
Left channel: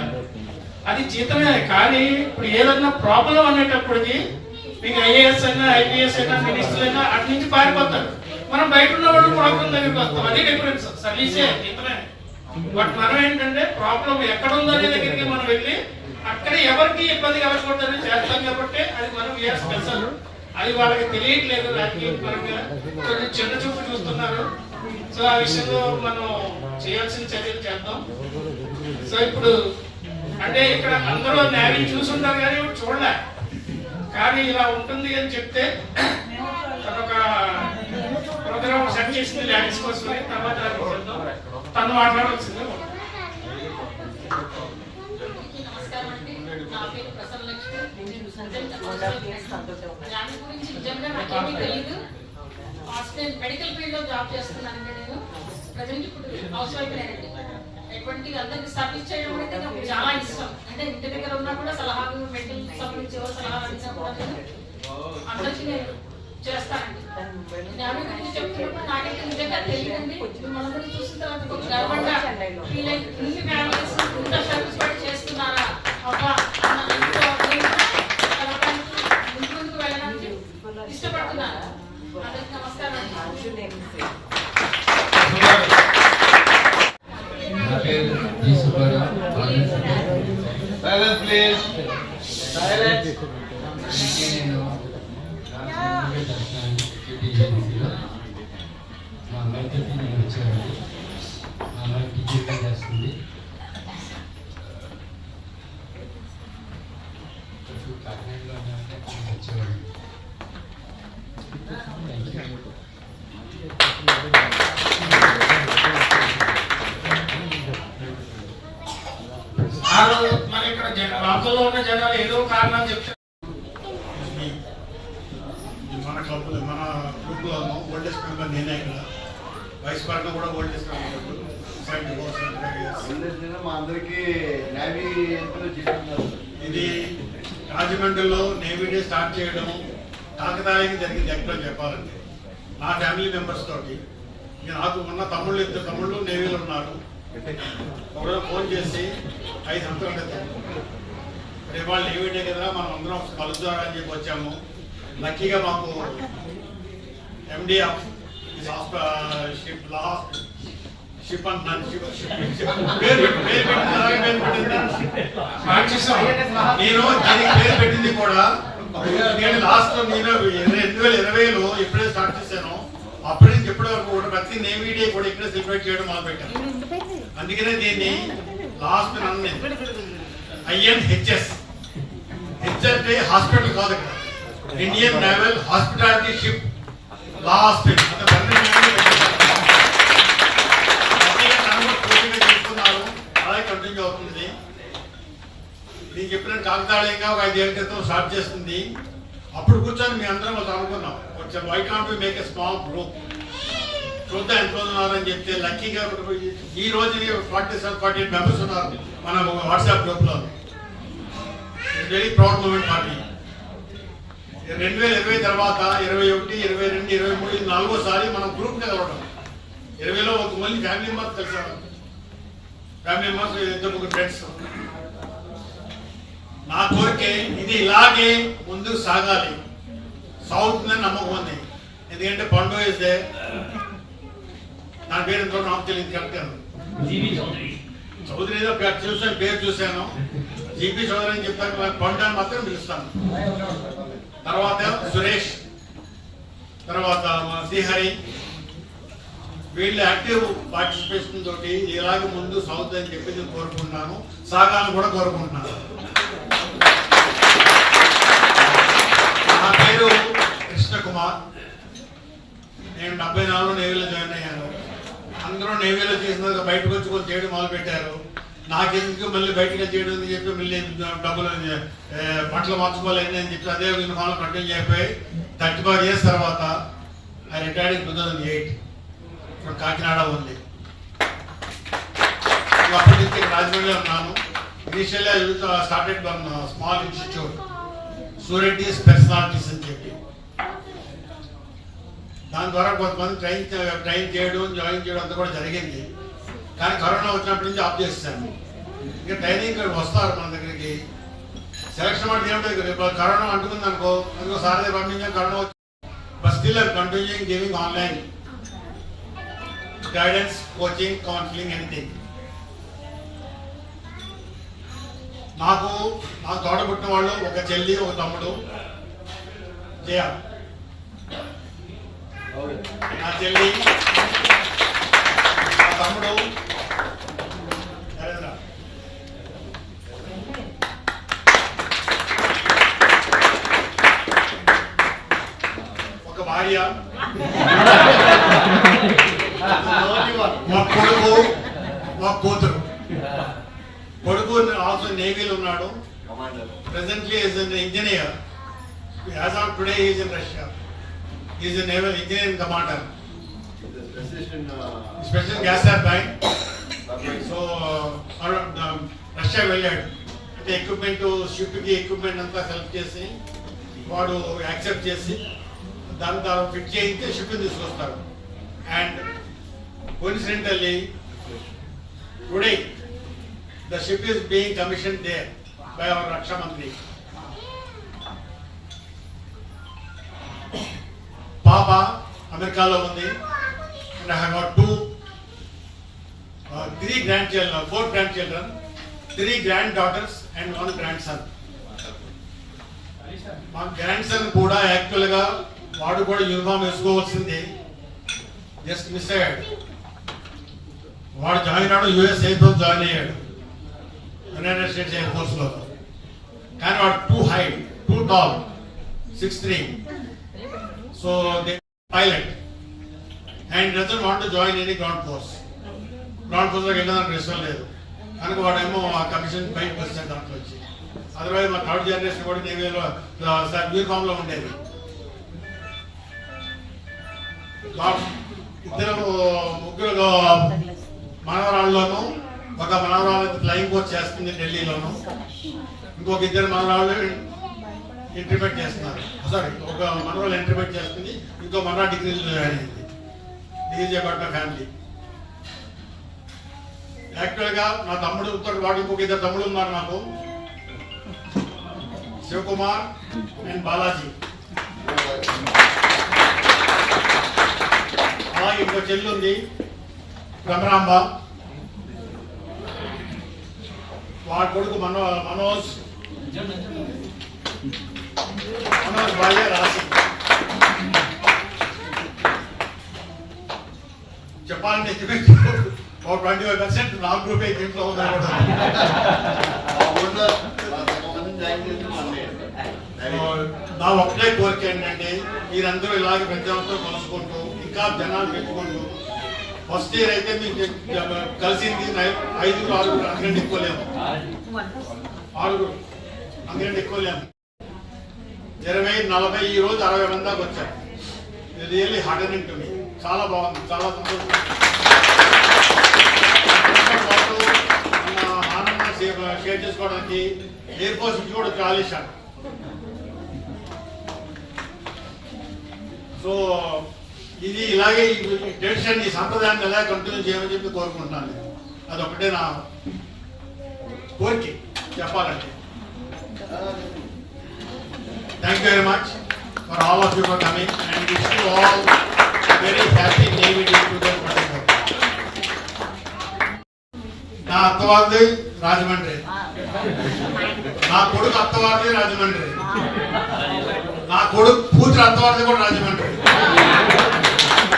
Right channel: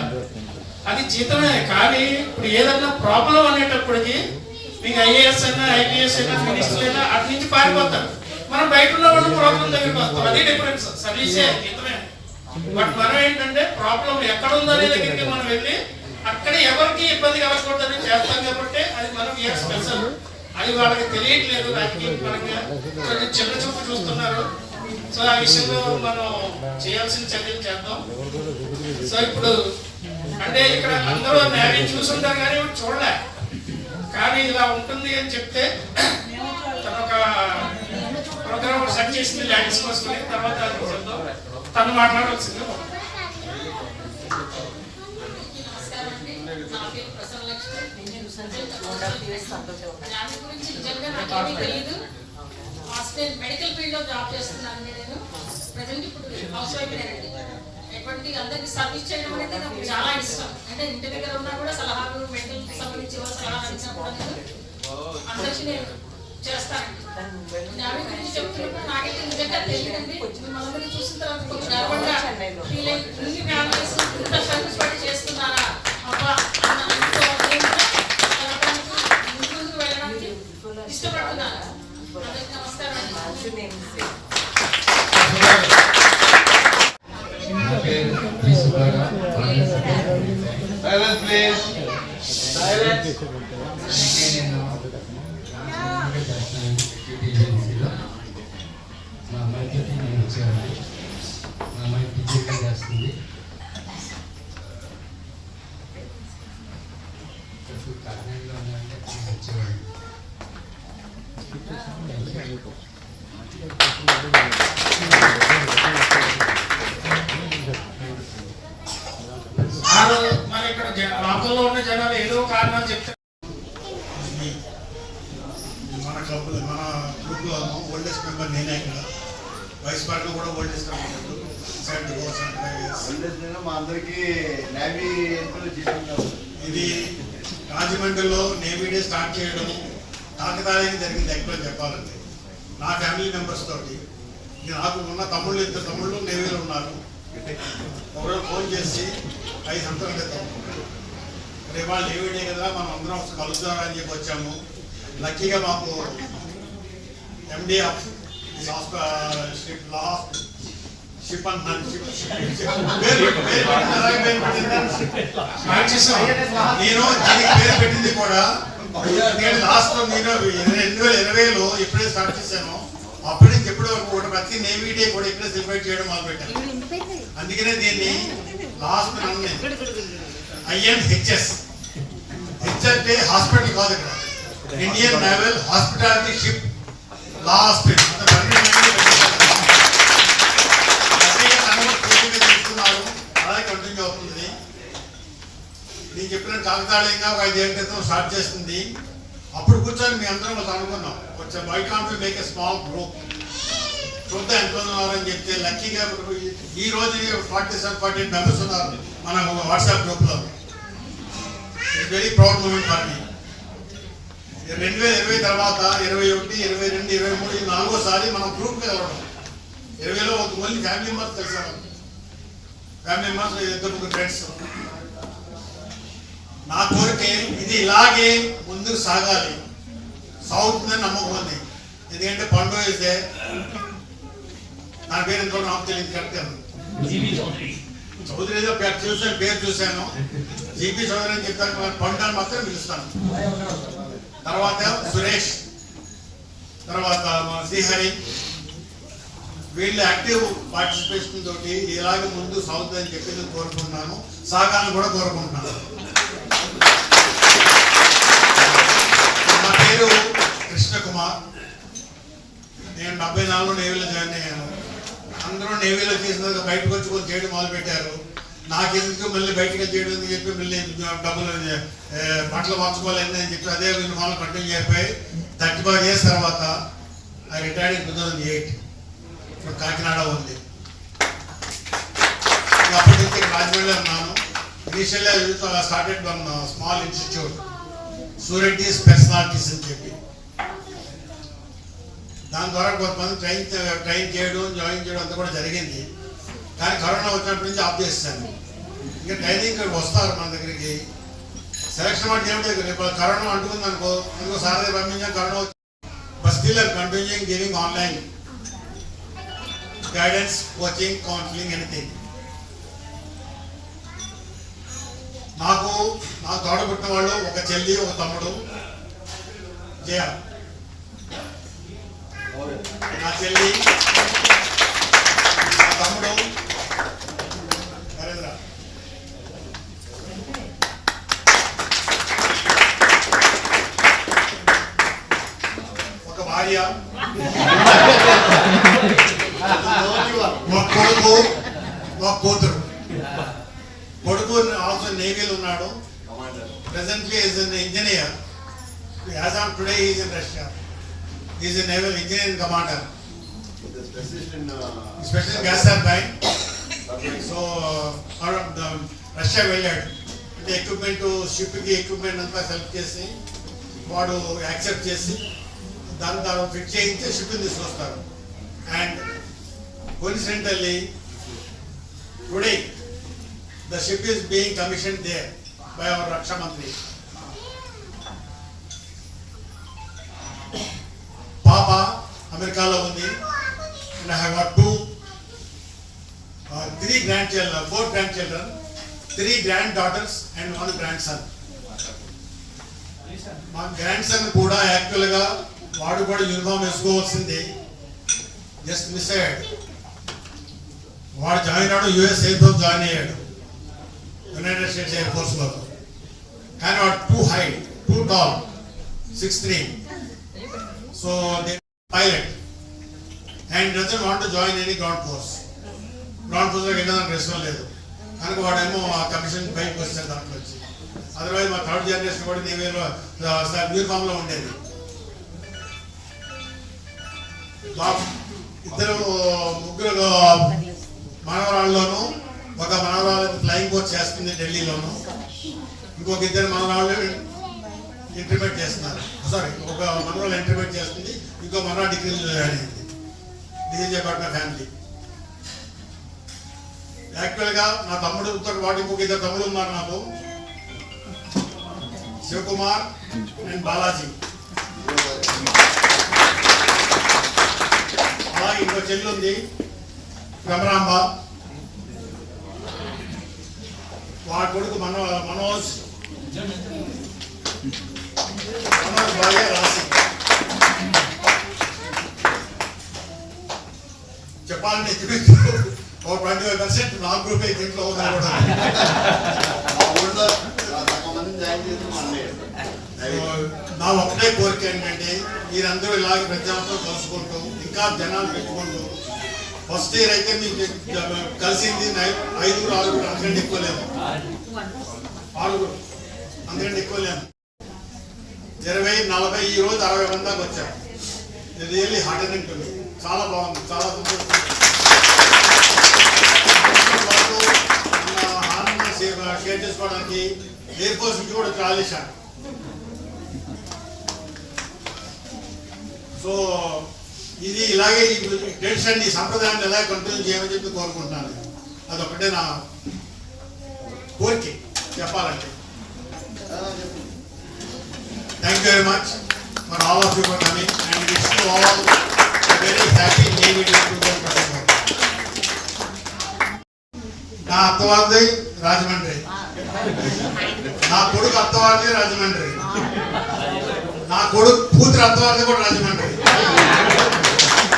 అది జీతమే. కానీ ఇప్పుడు ఏదన్నా ప్రాబ్లం అనేటప్పటికి మీకు ఐఏఎస్ అయినా ఐపీఎస్ అయినా మినిస్టర్ అయినా అటు నుంచి పారిపోతారు. మనం బయట ఉన్న వాళ్ళు ప్రాబ్లం దగ్గరికి వస్తాం. అది డిఫరెన్స్. సర్వీసే జీతమే. బట్ మనం ఏంటంటే ప్రాబ్లం ఎక్కడ ఉందో అనే దగ్గరికి మనం వెళ్ళి అక్కడ ఎవరికి ఇబ్బంది కలగకూడదని చేస్తాం కాబట్టి అది మనం స్పెషల్. అది వాళ్ళకి తెలియట్లేదు. రాజకీయ పరంగా కొంచెం చిన్న చూపు చూస్తున్నారు. సో ఆ విషయంలో మనం చేయాల్సిన చర్యలు చేద్దాం. సో ఇప్పుడు అంటే ఇక్కడ అందరూ నేవీ చూసుంటారు కానీ చూడలే. కానీ ఇలా ఉంటుంది అని చెప్తే తన ఒక ప్రోగ్రామ్ సెట్ చేసింది ల్యాండ్స్ కోసమే. తర్వాత తను మాట్లాడాల్సింది. గురించి నిజంగా నాకేమీ తెలియదు. హాస్పిటల్ మెడికల్ ఫీల్డ్ లో జాబ్ చేస్తున్నాను నేను. ప్రజెంట్ ఇప్పుడు హౌస్ వైఫ్ నేనండి. ఎటువంటి అందరికి సర్వీస్ చేయడం అనేది నాకు చాలా ఇష్టం. అంటే ఇంటి దగ్గర ఉన్నా కూడా సలహాలు మెడికల్ సంబంధించి సలహాలు ఇచ్చినప్పుడు నేను అందరికీ నేను చేస్తానండి. నేవీ గురించి చెప్తున్నప్పుడు నాకైతే నిజంగా తెలియదండి. మనందరినీ చూసిన తర్వాత కొంచెం గర్వంగా ఫీల్ అయ్యి ఇన్ని ఫ్యామిలీస్ ఇంత సర్వీస్ పడి చేస్తున్నారా అబ్బా ముందుకు వెళ్ళడానికి ఇష్టపడుతున్నాను. అందరికీ నమస్కారం అండి. మా అమ్మాయికి నేను వచ్చేవాడిని. మా అమ్మాయి టీచర్గా చేస్తుంది. కాకినాడలో ఉన్నామంటే వచ్చేవాడిని. మన ఇక్కడ లోకల్లో ఉన్న జనాలు ఏదో కారణం చెప్తారు. మన క్లబ్లో మన గ్రూప్లో ఓల్డెస్ట్ మెంబర్ నేనే. ఇక్కడ వైస్ పరంగా కూడా ఓల్డెస్ట్ మెంబర్. మా అందరికీ నేవీ ఇది రాజమండ్రిలో నేవీ డే స్టార్ట్ చేయడం కాకతాళీయంగా జరిగింది. ఎక్కడ చెప్పాలంటే నా ఫ్యామిలీ మెంబర్స్ తోటి నాకు ఉన్న ఇద్దరు తమ్ముళ్ళు నేవీలో ఉన్నారు. ఒకరోజు ఫోన్ చేసి 5 సంవత్సరాల క్రితం రేపు వాళ్ళు నేవీ డే కదా మనం అందరం కలుద్దాం అని చెప్పి వచ్చాము. లక్కీగా మాకు ఎండి ఆఫ్ షిప్ అంటున్నాను నేను దీనికి పేరు పెట్టింది కూడా నేను లాస్ట్ లో నేను 2020లో ఎప్పుడైతే స్టార్ట్ చేశానో అప్పటి నుంచి ఎప్పటి వరకు కూడా ప్రతి నేవీ డే కూడా ఇక్కడే సెలబ్రేట్ చేయడం మొదలు పెట్టాను. అందుకనే దీన్ని లాస్ట్ INHS డే హాస్పిటల్ కాదు, ఇక్కడ ఇండియన్ నేవల్ హాస్పిటాలిటీ షిప్ లా హాస్పిటల్ తీసుకున్నారు. అలాగే కంటిన్యూ అవుతుంది. నేను చెప్పిన కాకతాళీయంగా ఒక 5 ఏళ్ళ క్రితం స్టార్ట్ చేస్తుంది. అప్పుడు కూర్చొని మీ అందరం వాళ్ళు అనుకున్నాం కొంచెం why can't we make a small group చూద్దాం ఎంత ఉన్నారని చెప్తే లక్కీగా ఈ రోజు 47-48 మెంబర్స్ ఉన్నారు మన వాట్సాప్ గ్రూప్ లో. It's very proud moment for me. 2020 తర్వాత 21, 22, 23 ఇది 4వసారి మనం గ్రూప్ గా కలవడం. 20లో ఒక మళ్ళీ ఫ్యామిలీ మెంబర్స్ కలిసారు. Family members 2-3 friends. నా కోరికే ఇది ఇలాగే ముందుకు సాగాలి, సాగుతుందని నమ్మకం ఉంది. ఎందుకంటే పండు ఇస్తే నా పేరు ఎంతో నాకు తెలియదు కరెక్ట్ చౌదరి ఏదో చూసాను, పేరు చూశాను, జీపీ చౌదరి అని చెప్తాను, పండు అని మాత్రం పిలుస్తాను. తర్వాత సురేష్, తర్వాత శ్రీహరి, వీళ్ళు యాక్టివ్ పార్టిసిపేషన్ తోటి ఇలాగే ముందు సాగుతుందని చెప్పి నేను కోరుకుంటున్నాను, సాగాలని కూడా కోరుకుంటున్నాను. నా పేరు కృష్ణ కుమార్. నేను 74లో నేవీలో జాయిన్ అయ్యాను. అందరూ నేవీలో చేసిన బయటకు వచ్చి కొంచెం చేయడం మొదలు పెట్టారు. నాకెందుకు మళ్ళీ బయటకు చేయడం అని చెప్పి మళ్ళీ డబ్బులు బట్టలు మార్చుకోవాలని అని చెప్పి అదే యూనిఫామ్లో కంటిన్యూ అయిపోయి 35 years తర్వాత I retired in 2008 from Kakinada ఉంది. అప్పటి నుంచి రాజమండ్రిలో ఉన్నాను. Initially I started one small institute Sureddy's personalities అని చెప్పి. దాని ద్వారా కొంతమంది ట్రైన్ చేయడం, జాయిన్ చేయడం అంతా కూడా జరిగింది. కానీ కరోనా వచ్చినప్పటి నుంచి ఆఫ్ చేస్తాను. ఇంకా ట్రైనింగ్ వస్తారు మన దగ్గరికి. సెలక్షన్ అంటే ఏమిటో కరోనా అంటుకుంది అనుకో, అందుకో సార్ దగ్గర పంపించాం, కరోనా వచ్చి but still I continuing giving online guidance, coaching, counselling, anything. నా తోడబుట్టిన వాళ్ళు ఒక చెల్లి, ఒక తమ్ముడు. జయ నా చెల్లి, నా తమ్ముడు నరేంద్ర. ఒక భార్య, ఒక కొడుకు, ఒక కూతురు. కొడుకు ఆల్సో నేవీలో ఉన్నాడు. Presently is an engineer. As on today is in Russia. Is a naval engineering commander. Special gas turbine. So Russia వెళ్ళాడు. అంటే ఎక్విప్మెంట్, షిప్కి ఎక్విప్మెంట్ అంతా సెలెక్ట్ చేసి వాడు యాక్సెప్ట్ చేసి దాన్ని ఫిట్ చేయించి షిప్ని తీసుకొస్తారు. And coincidentally today the ship is being commissioned there by our Raksha Mantri. Papa Americalo undi, and I have got 3 grandchildren, 4 grandchildren, 3 granddaughters and 1 grandson. మా గ్రాండ్సన్ కూడా యాక్చువల్గా వాడు కూడా యూనిఫామ్ వేసుకోవాల్సింది, జస్ట్ మిస్ అయ్యాడు. వాడు జాయిన్ అయ్యాడు, యుఎస్ ఎయిర్ ఫోర్స్ జాయిన్ అయ్యాడు, యునైటెడ్ స్టేట్స్ ఎయిర్ ఫోర్స్ లో. కానీ వాడు two height, two tall, 6'3". So they pilot and doesn't want to join any ground force. Ground force లో వెళ్ళడానికి ఇష్టం లేదు కనుక వాడేమో ఆ కమిషన్ బయటకు వచ్చాడు దాంట్లో వచ్చి. అదర్వైజ్ మా థర్డ్ జనరేషన్ కూడా నేవీలో యూనిఫామ్ లో ఉండేది. ముగ్గురు మనవరాళ్ళలోనూ, ఒక మనవరాలు ఫ్లయింగ్ కోర్స్ చేస్తుంది ఢిల్లీలోను, ఇంకొక 2 మనవరాళ్ళు ఇంటర్మీడియట్ చేస్తున్నారు. సారీ, ఒక మనవరాలు ఇంటర్మీడియట్ చేస్తుంది, ఇంకో మనవరాలు డిగ్రీలో జాయిన్ అయింది. Degree about my family. యాక్చువల్గా నా తమ్ముడుతో వాడు ఇంకొక 2 తమ్ముడు ఉన్నారు నాకు, శివకుమార్ అండ్ బాలాజీ. అలాగే ఇంకో చెల్లి ఉంది భ్రమరాంబ. వాడి కొడుకు మనోజ్ భార్య రాసి. చెప్పాలంటే ఒక 25% నా గ్రూప్ దీంట్లో ఉన్నారు. నా ఒకటే కోరిక ఏంటంటే మీరందరూ ఇలాగ ప్రతి సంవత్సరం కలుసుకుంటూ ఇంకా జనాలు పెట్టుకుంటూ, ఫస్ట్ ఇయర్ అయితే మీకు కలిసింది 5, 6 అంతకంటే ఎక్కువ లేము, 6 అంతకంటే ఎక్కువ లేము. 20-40 ఈ రోజు 60 మంది దాకా వచ్చారు. ఇది రియల్లీ హార్డనింగ్ టు మీ. చాలా బాగుంది, చాలా సంతోషం. మన ఆనందం షేర్ చేసుకోవడానికి ఎయిర్ ఫోర్స్ నుంచి కూడా చాలా ఇచ్చాను. సో ఇది ఇలాగే ఈ ట్రెడిషన్, ఈ సంప్రదాయాన్ని ఎలా కంటిన్యూ చేయమని చెప్పి కోరుకుంటున్నాను. అదొకటే నా కోరిక చెప్పాలంటే. Thank you very much for all of you for coming and wish you all very happy navy day 2024. నా అత్తవారిది రాజమండ్రి, నా కొడుకు అత్తవారిది రాజమండ్రి, నా కొడుకు కూతురు అత్తవారిది కూడా రాజమండ్రి.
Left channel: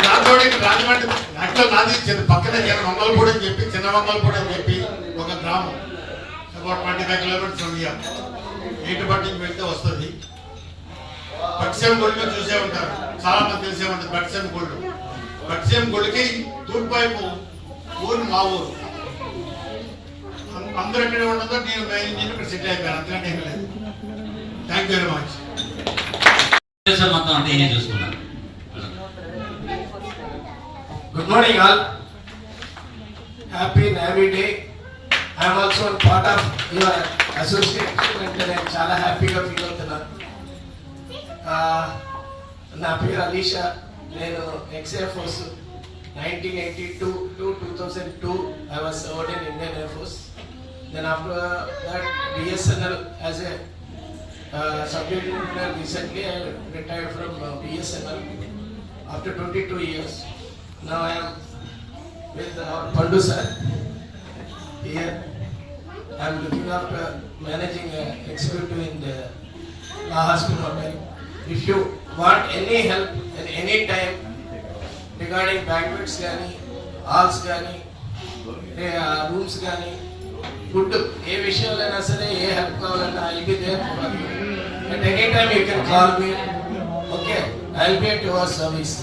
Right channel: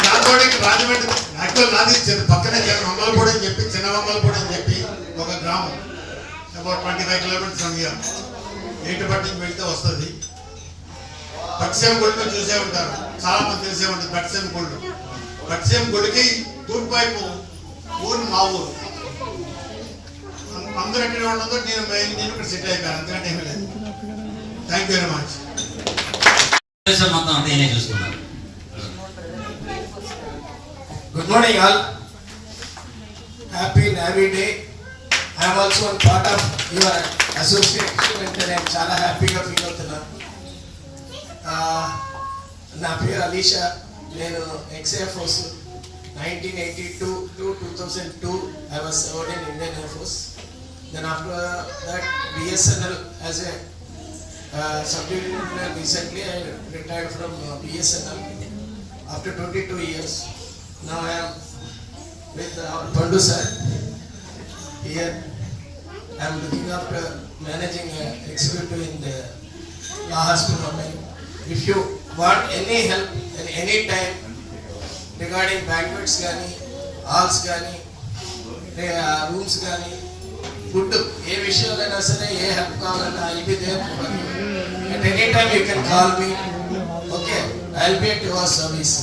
దాంతో రాజమండ్రి యాక్చువల్ నాది పక్కనే మంగళపూడి అని చెప్పి, చిన్న మంగళపూడి అని చెప్పి ఒక గ్రామం, అబౌట్ 25 కిలోమీటర్స్ ఫ్రమ్ హియర్. ఏటుపట్టి నుంచి వెళ్తే వస్తుంది. పట్టిసీమ గుడి మీరు చూసే ఉంటారు, చాలా మంది తెలిసే ఉంటుంది. పట్టిసీమ గుళ్ళు, పట్టిసీమ గుడికి తూర్పు వైపు ఊరు మా ఊరు. అందరూ ఎక్కడ ఉండదో నేను ఇక్కడ సెటిల్ అయిపోయాను, అంతకంటే ఏమీ లేదు. Thank you very much. మొత్తం అంతా నేనే చూసుకున్నాను. Good morning all. Happy Navy Day. I am also a part of your association and నేను చాలా హ్యాపీగా ఫీల్ అవుతున్నాను. నా పేరు అలీషా. నేను XA force 1982 to 2002 I was served in Indian Air Force. Then after that BSNL as a sub-lieutenant. Recently I retired from BSNL after 22 years. Now I am with Pandu sir here. I am looking after managing executive in the La Hospital Hotel. If you want any help at any time regarding banquets gaani, halls gaani, rooms gaani, food, ఏ విషయాలైనా సరే, ఏ హెల్ప్ కావాలన్నా I will be there for you. At any time you can call me. Okay, I will be at your service.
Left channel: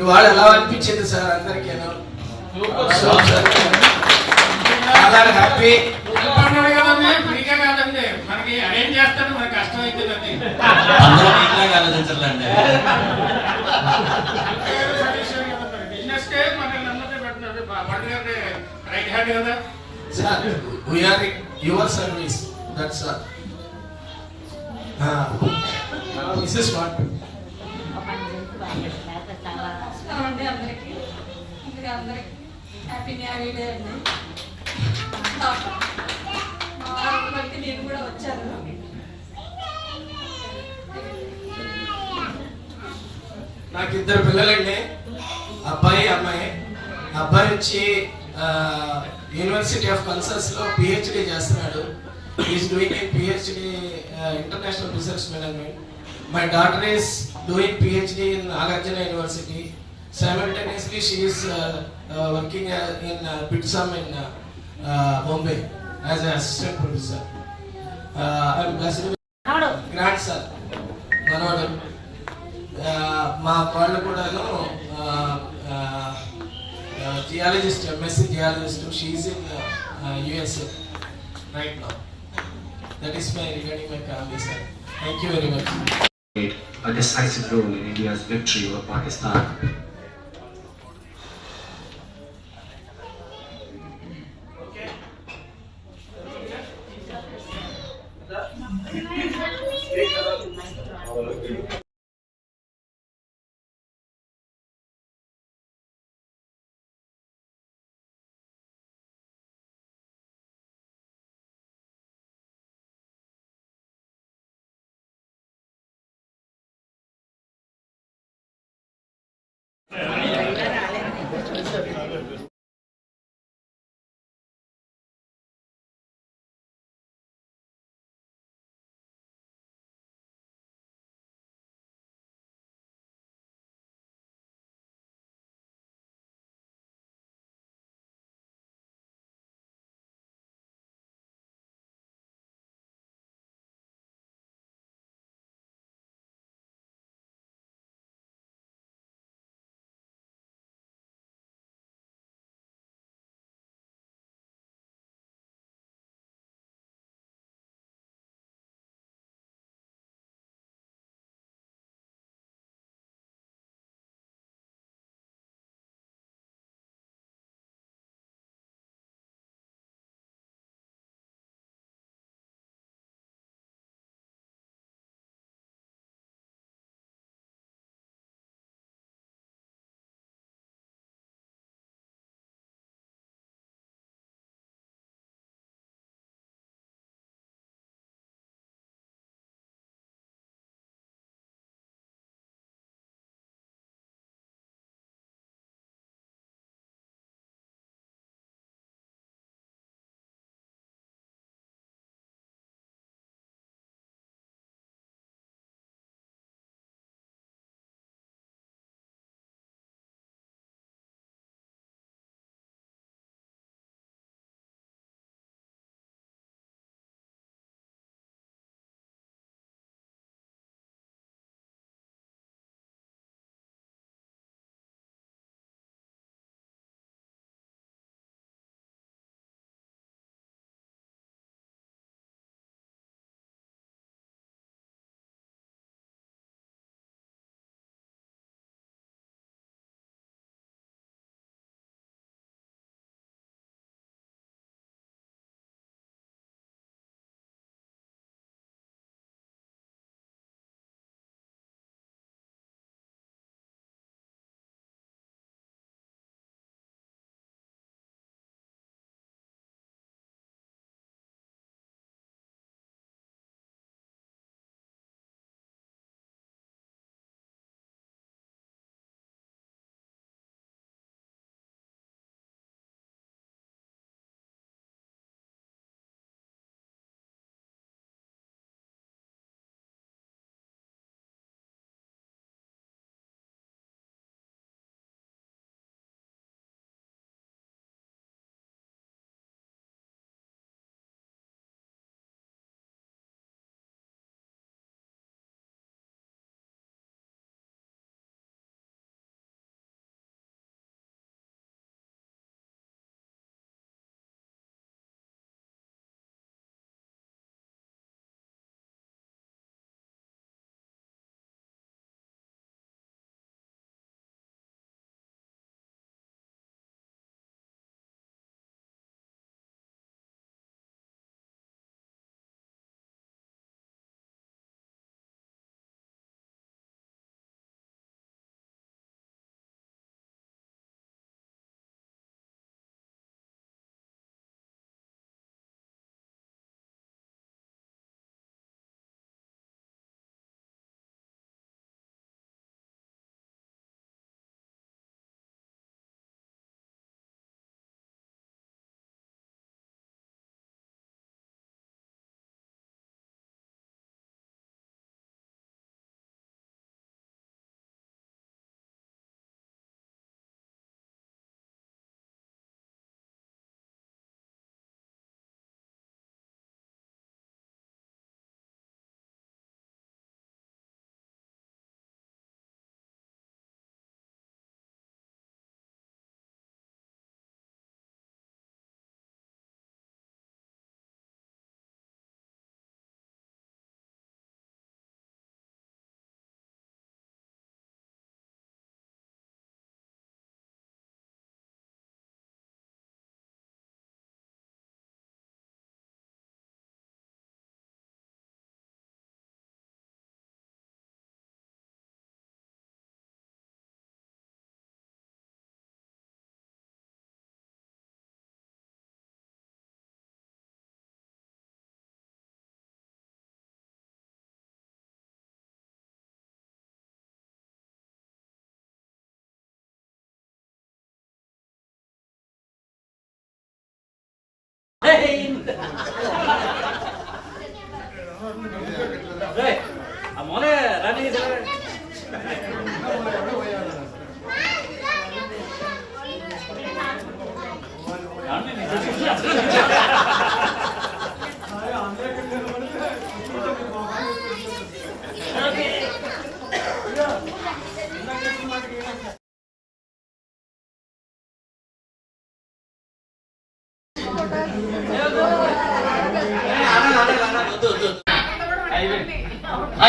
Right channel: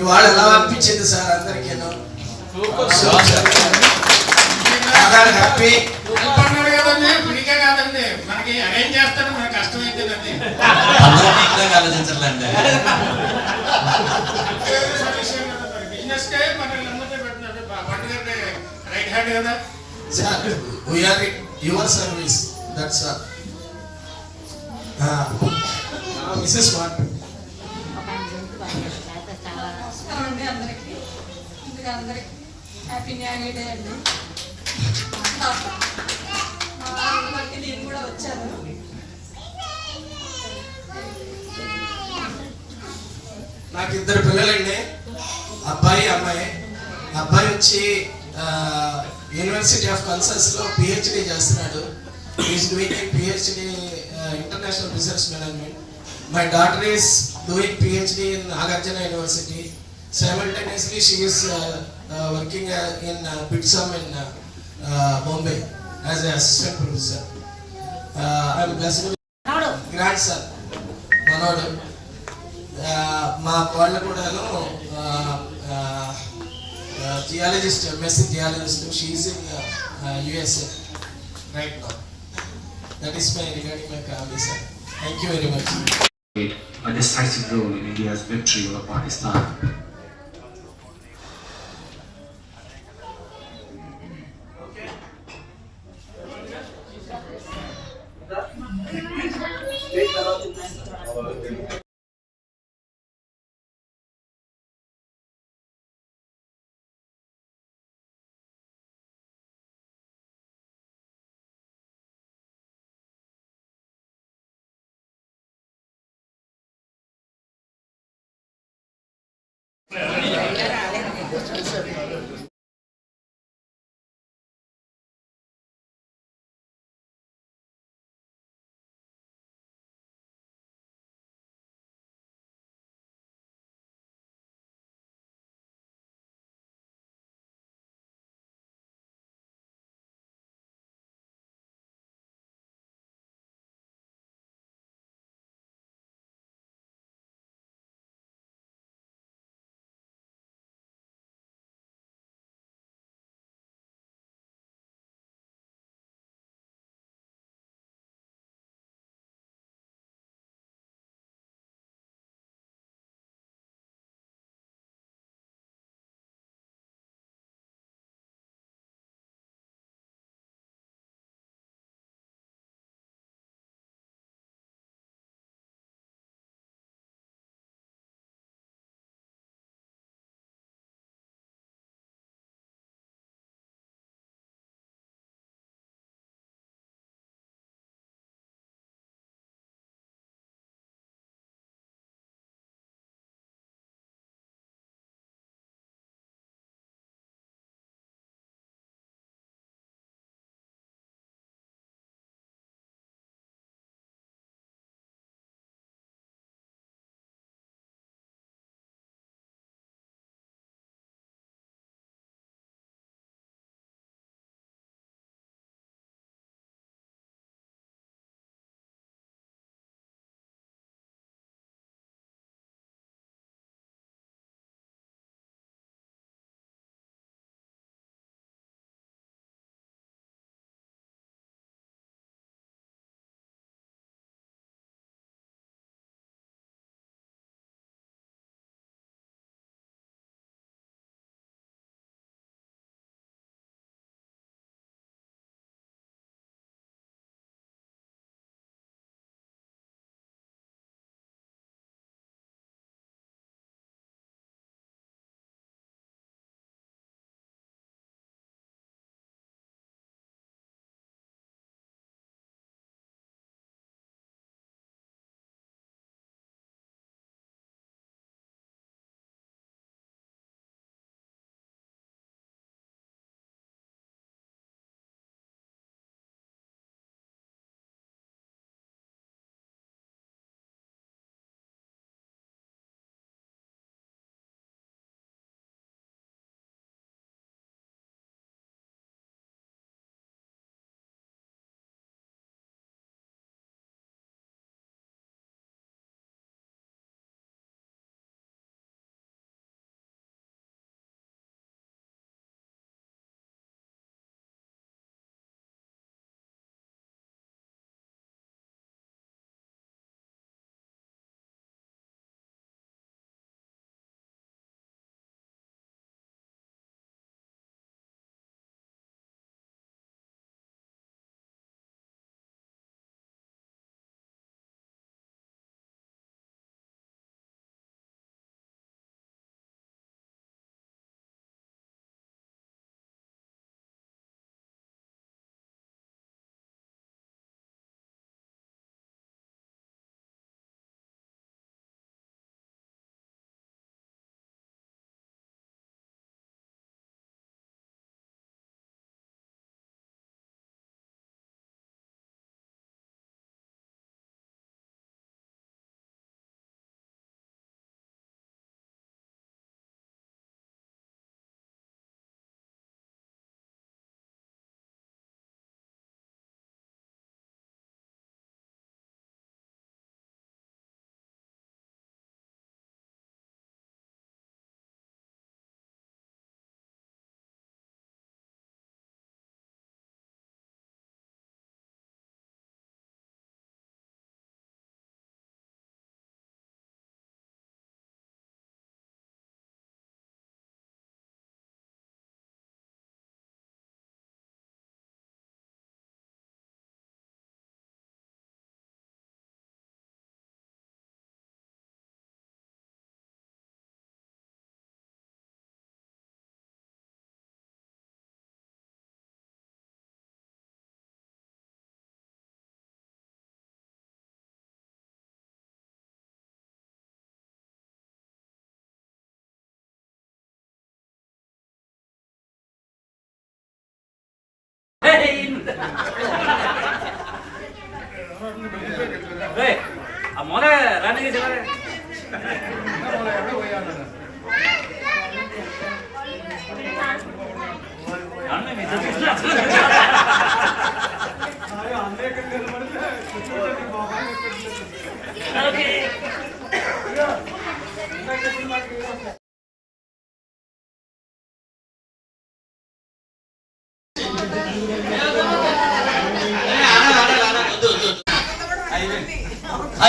ఇవాళ ఎలా అనిపించింది సార్ అందరికీను? చాలా హ్యాపీ. అన్నాడు కదండి, ఫ్రీగా కాదండి, మనకి అరేంజ్ చేస్తాడు, మనకి కష్టం అవుతుందండి. బిజినెస్ కే మనల్ని అందరినీ పెట్టినాడు, పండుగ రైట్ హ్యాండ్ కదా sir. We're your service, that's all. This is what. అండి అందరికీ, ముందుగా అందరికి హ్యాపీ న్యూ డే అండి. బట్టి నేను కూడా వచ్చాను. నాకు 2 పిల్లలండి, అబ్బాయి అమ్మాయి. అబ్బాయి వచ్చి యూనివర్సిటీ ఆఫ్ కన్సస్ లో పిహెచ్డి చేస్తున్నాడు. Is doing a PhD international business management. My daughter is doing PhD in Nagarjuna university. Simultaneously, she is working in BITSAM in Bombay as an assistant professor. I am blessed with grandson, Manodu. మా వాళ్ళు కూడాను geologist, MSc geologist. She is in USA right now. That is my regarding my family, sir. Thank you very much. A decisive role in India's victory over Pakistan.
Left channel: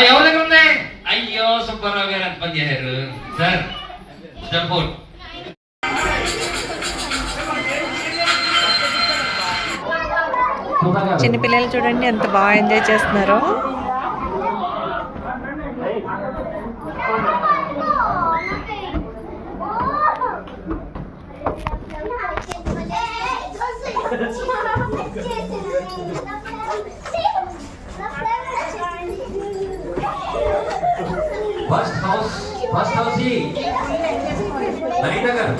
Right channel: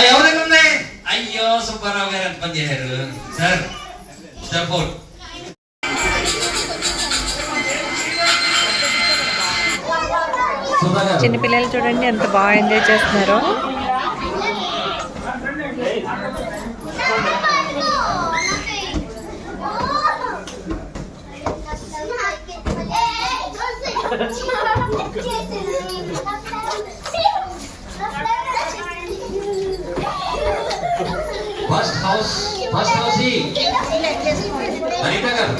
ఎవరి దగ్గర ఉన్నాయి? అయ్యో సుబ్బారావు గారు ఎంత పని చేశారు సార్. సపోర్ట్ చిన్నపిల్లలు చూడండి ఎంత బాగా ఎంజాయ్ చేస్తున్నారో. ఫస్ట్ హౌస్ అనిత గారు.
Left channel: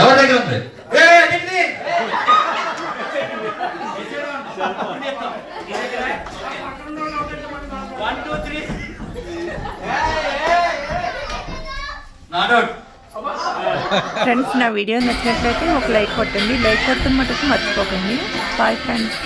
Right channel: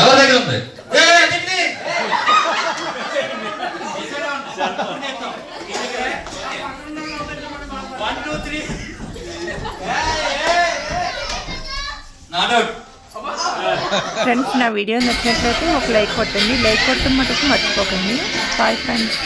ఎవరి దగ్గర ఉంది? ఫ్రెండ్స్, నా వీడియో నచ్చినట్లయితే ఒక లైక్ కొట్టండి. లైక్ కొట్టడం మటుకు మర్చిపోకండి. Bye friends.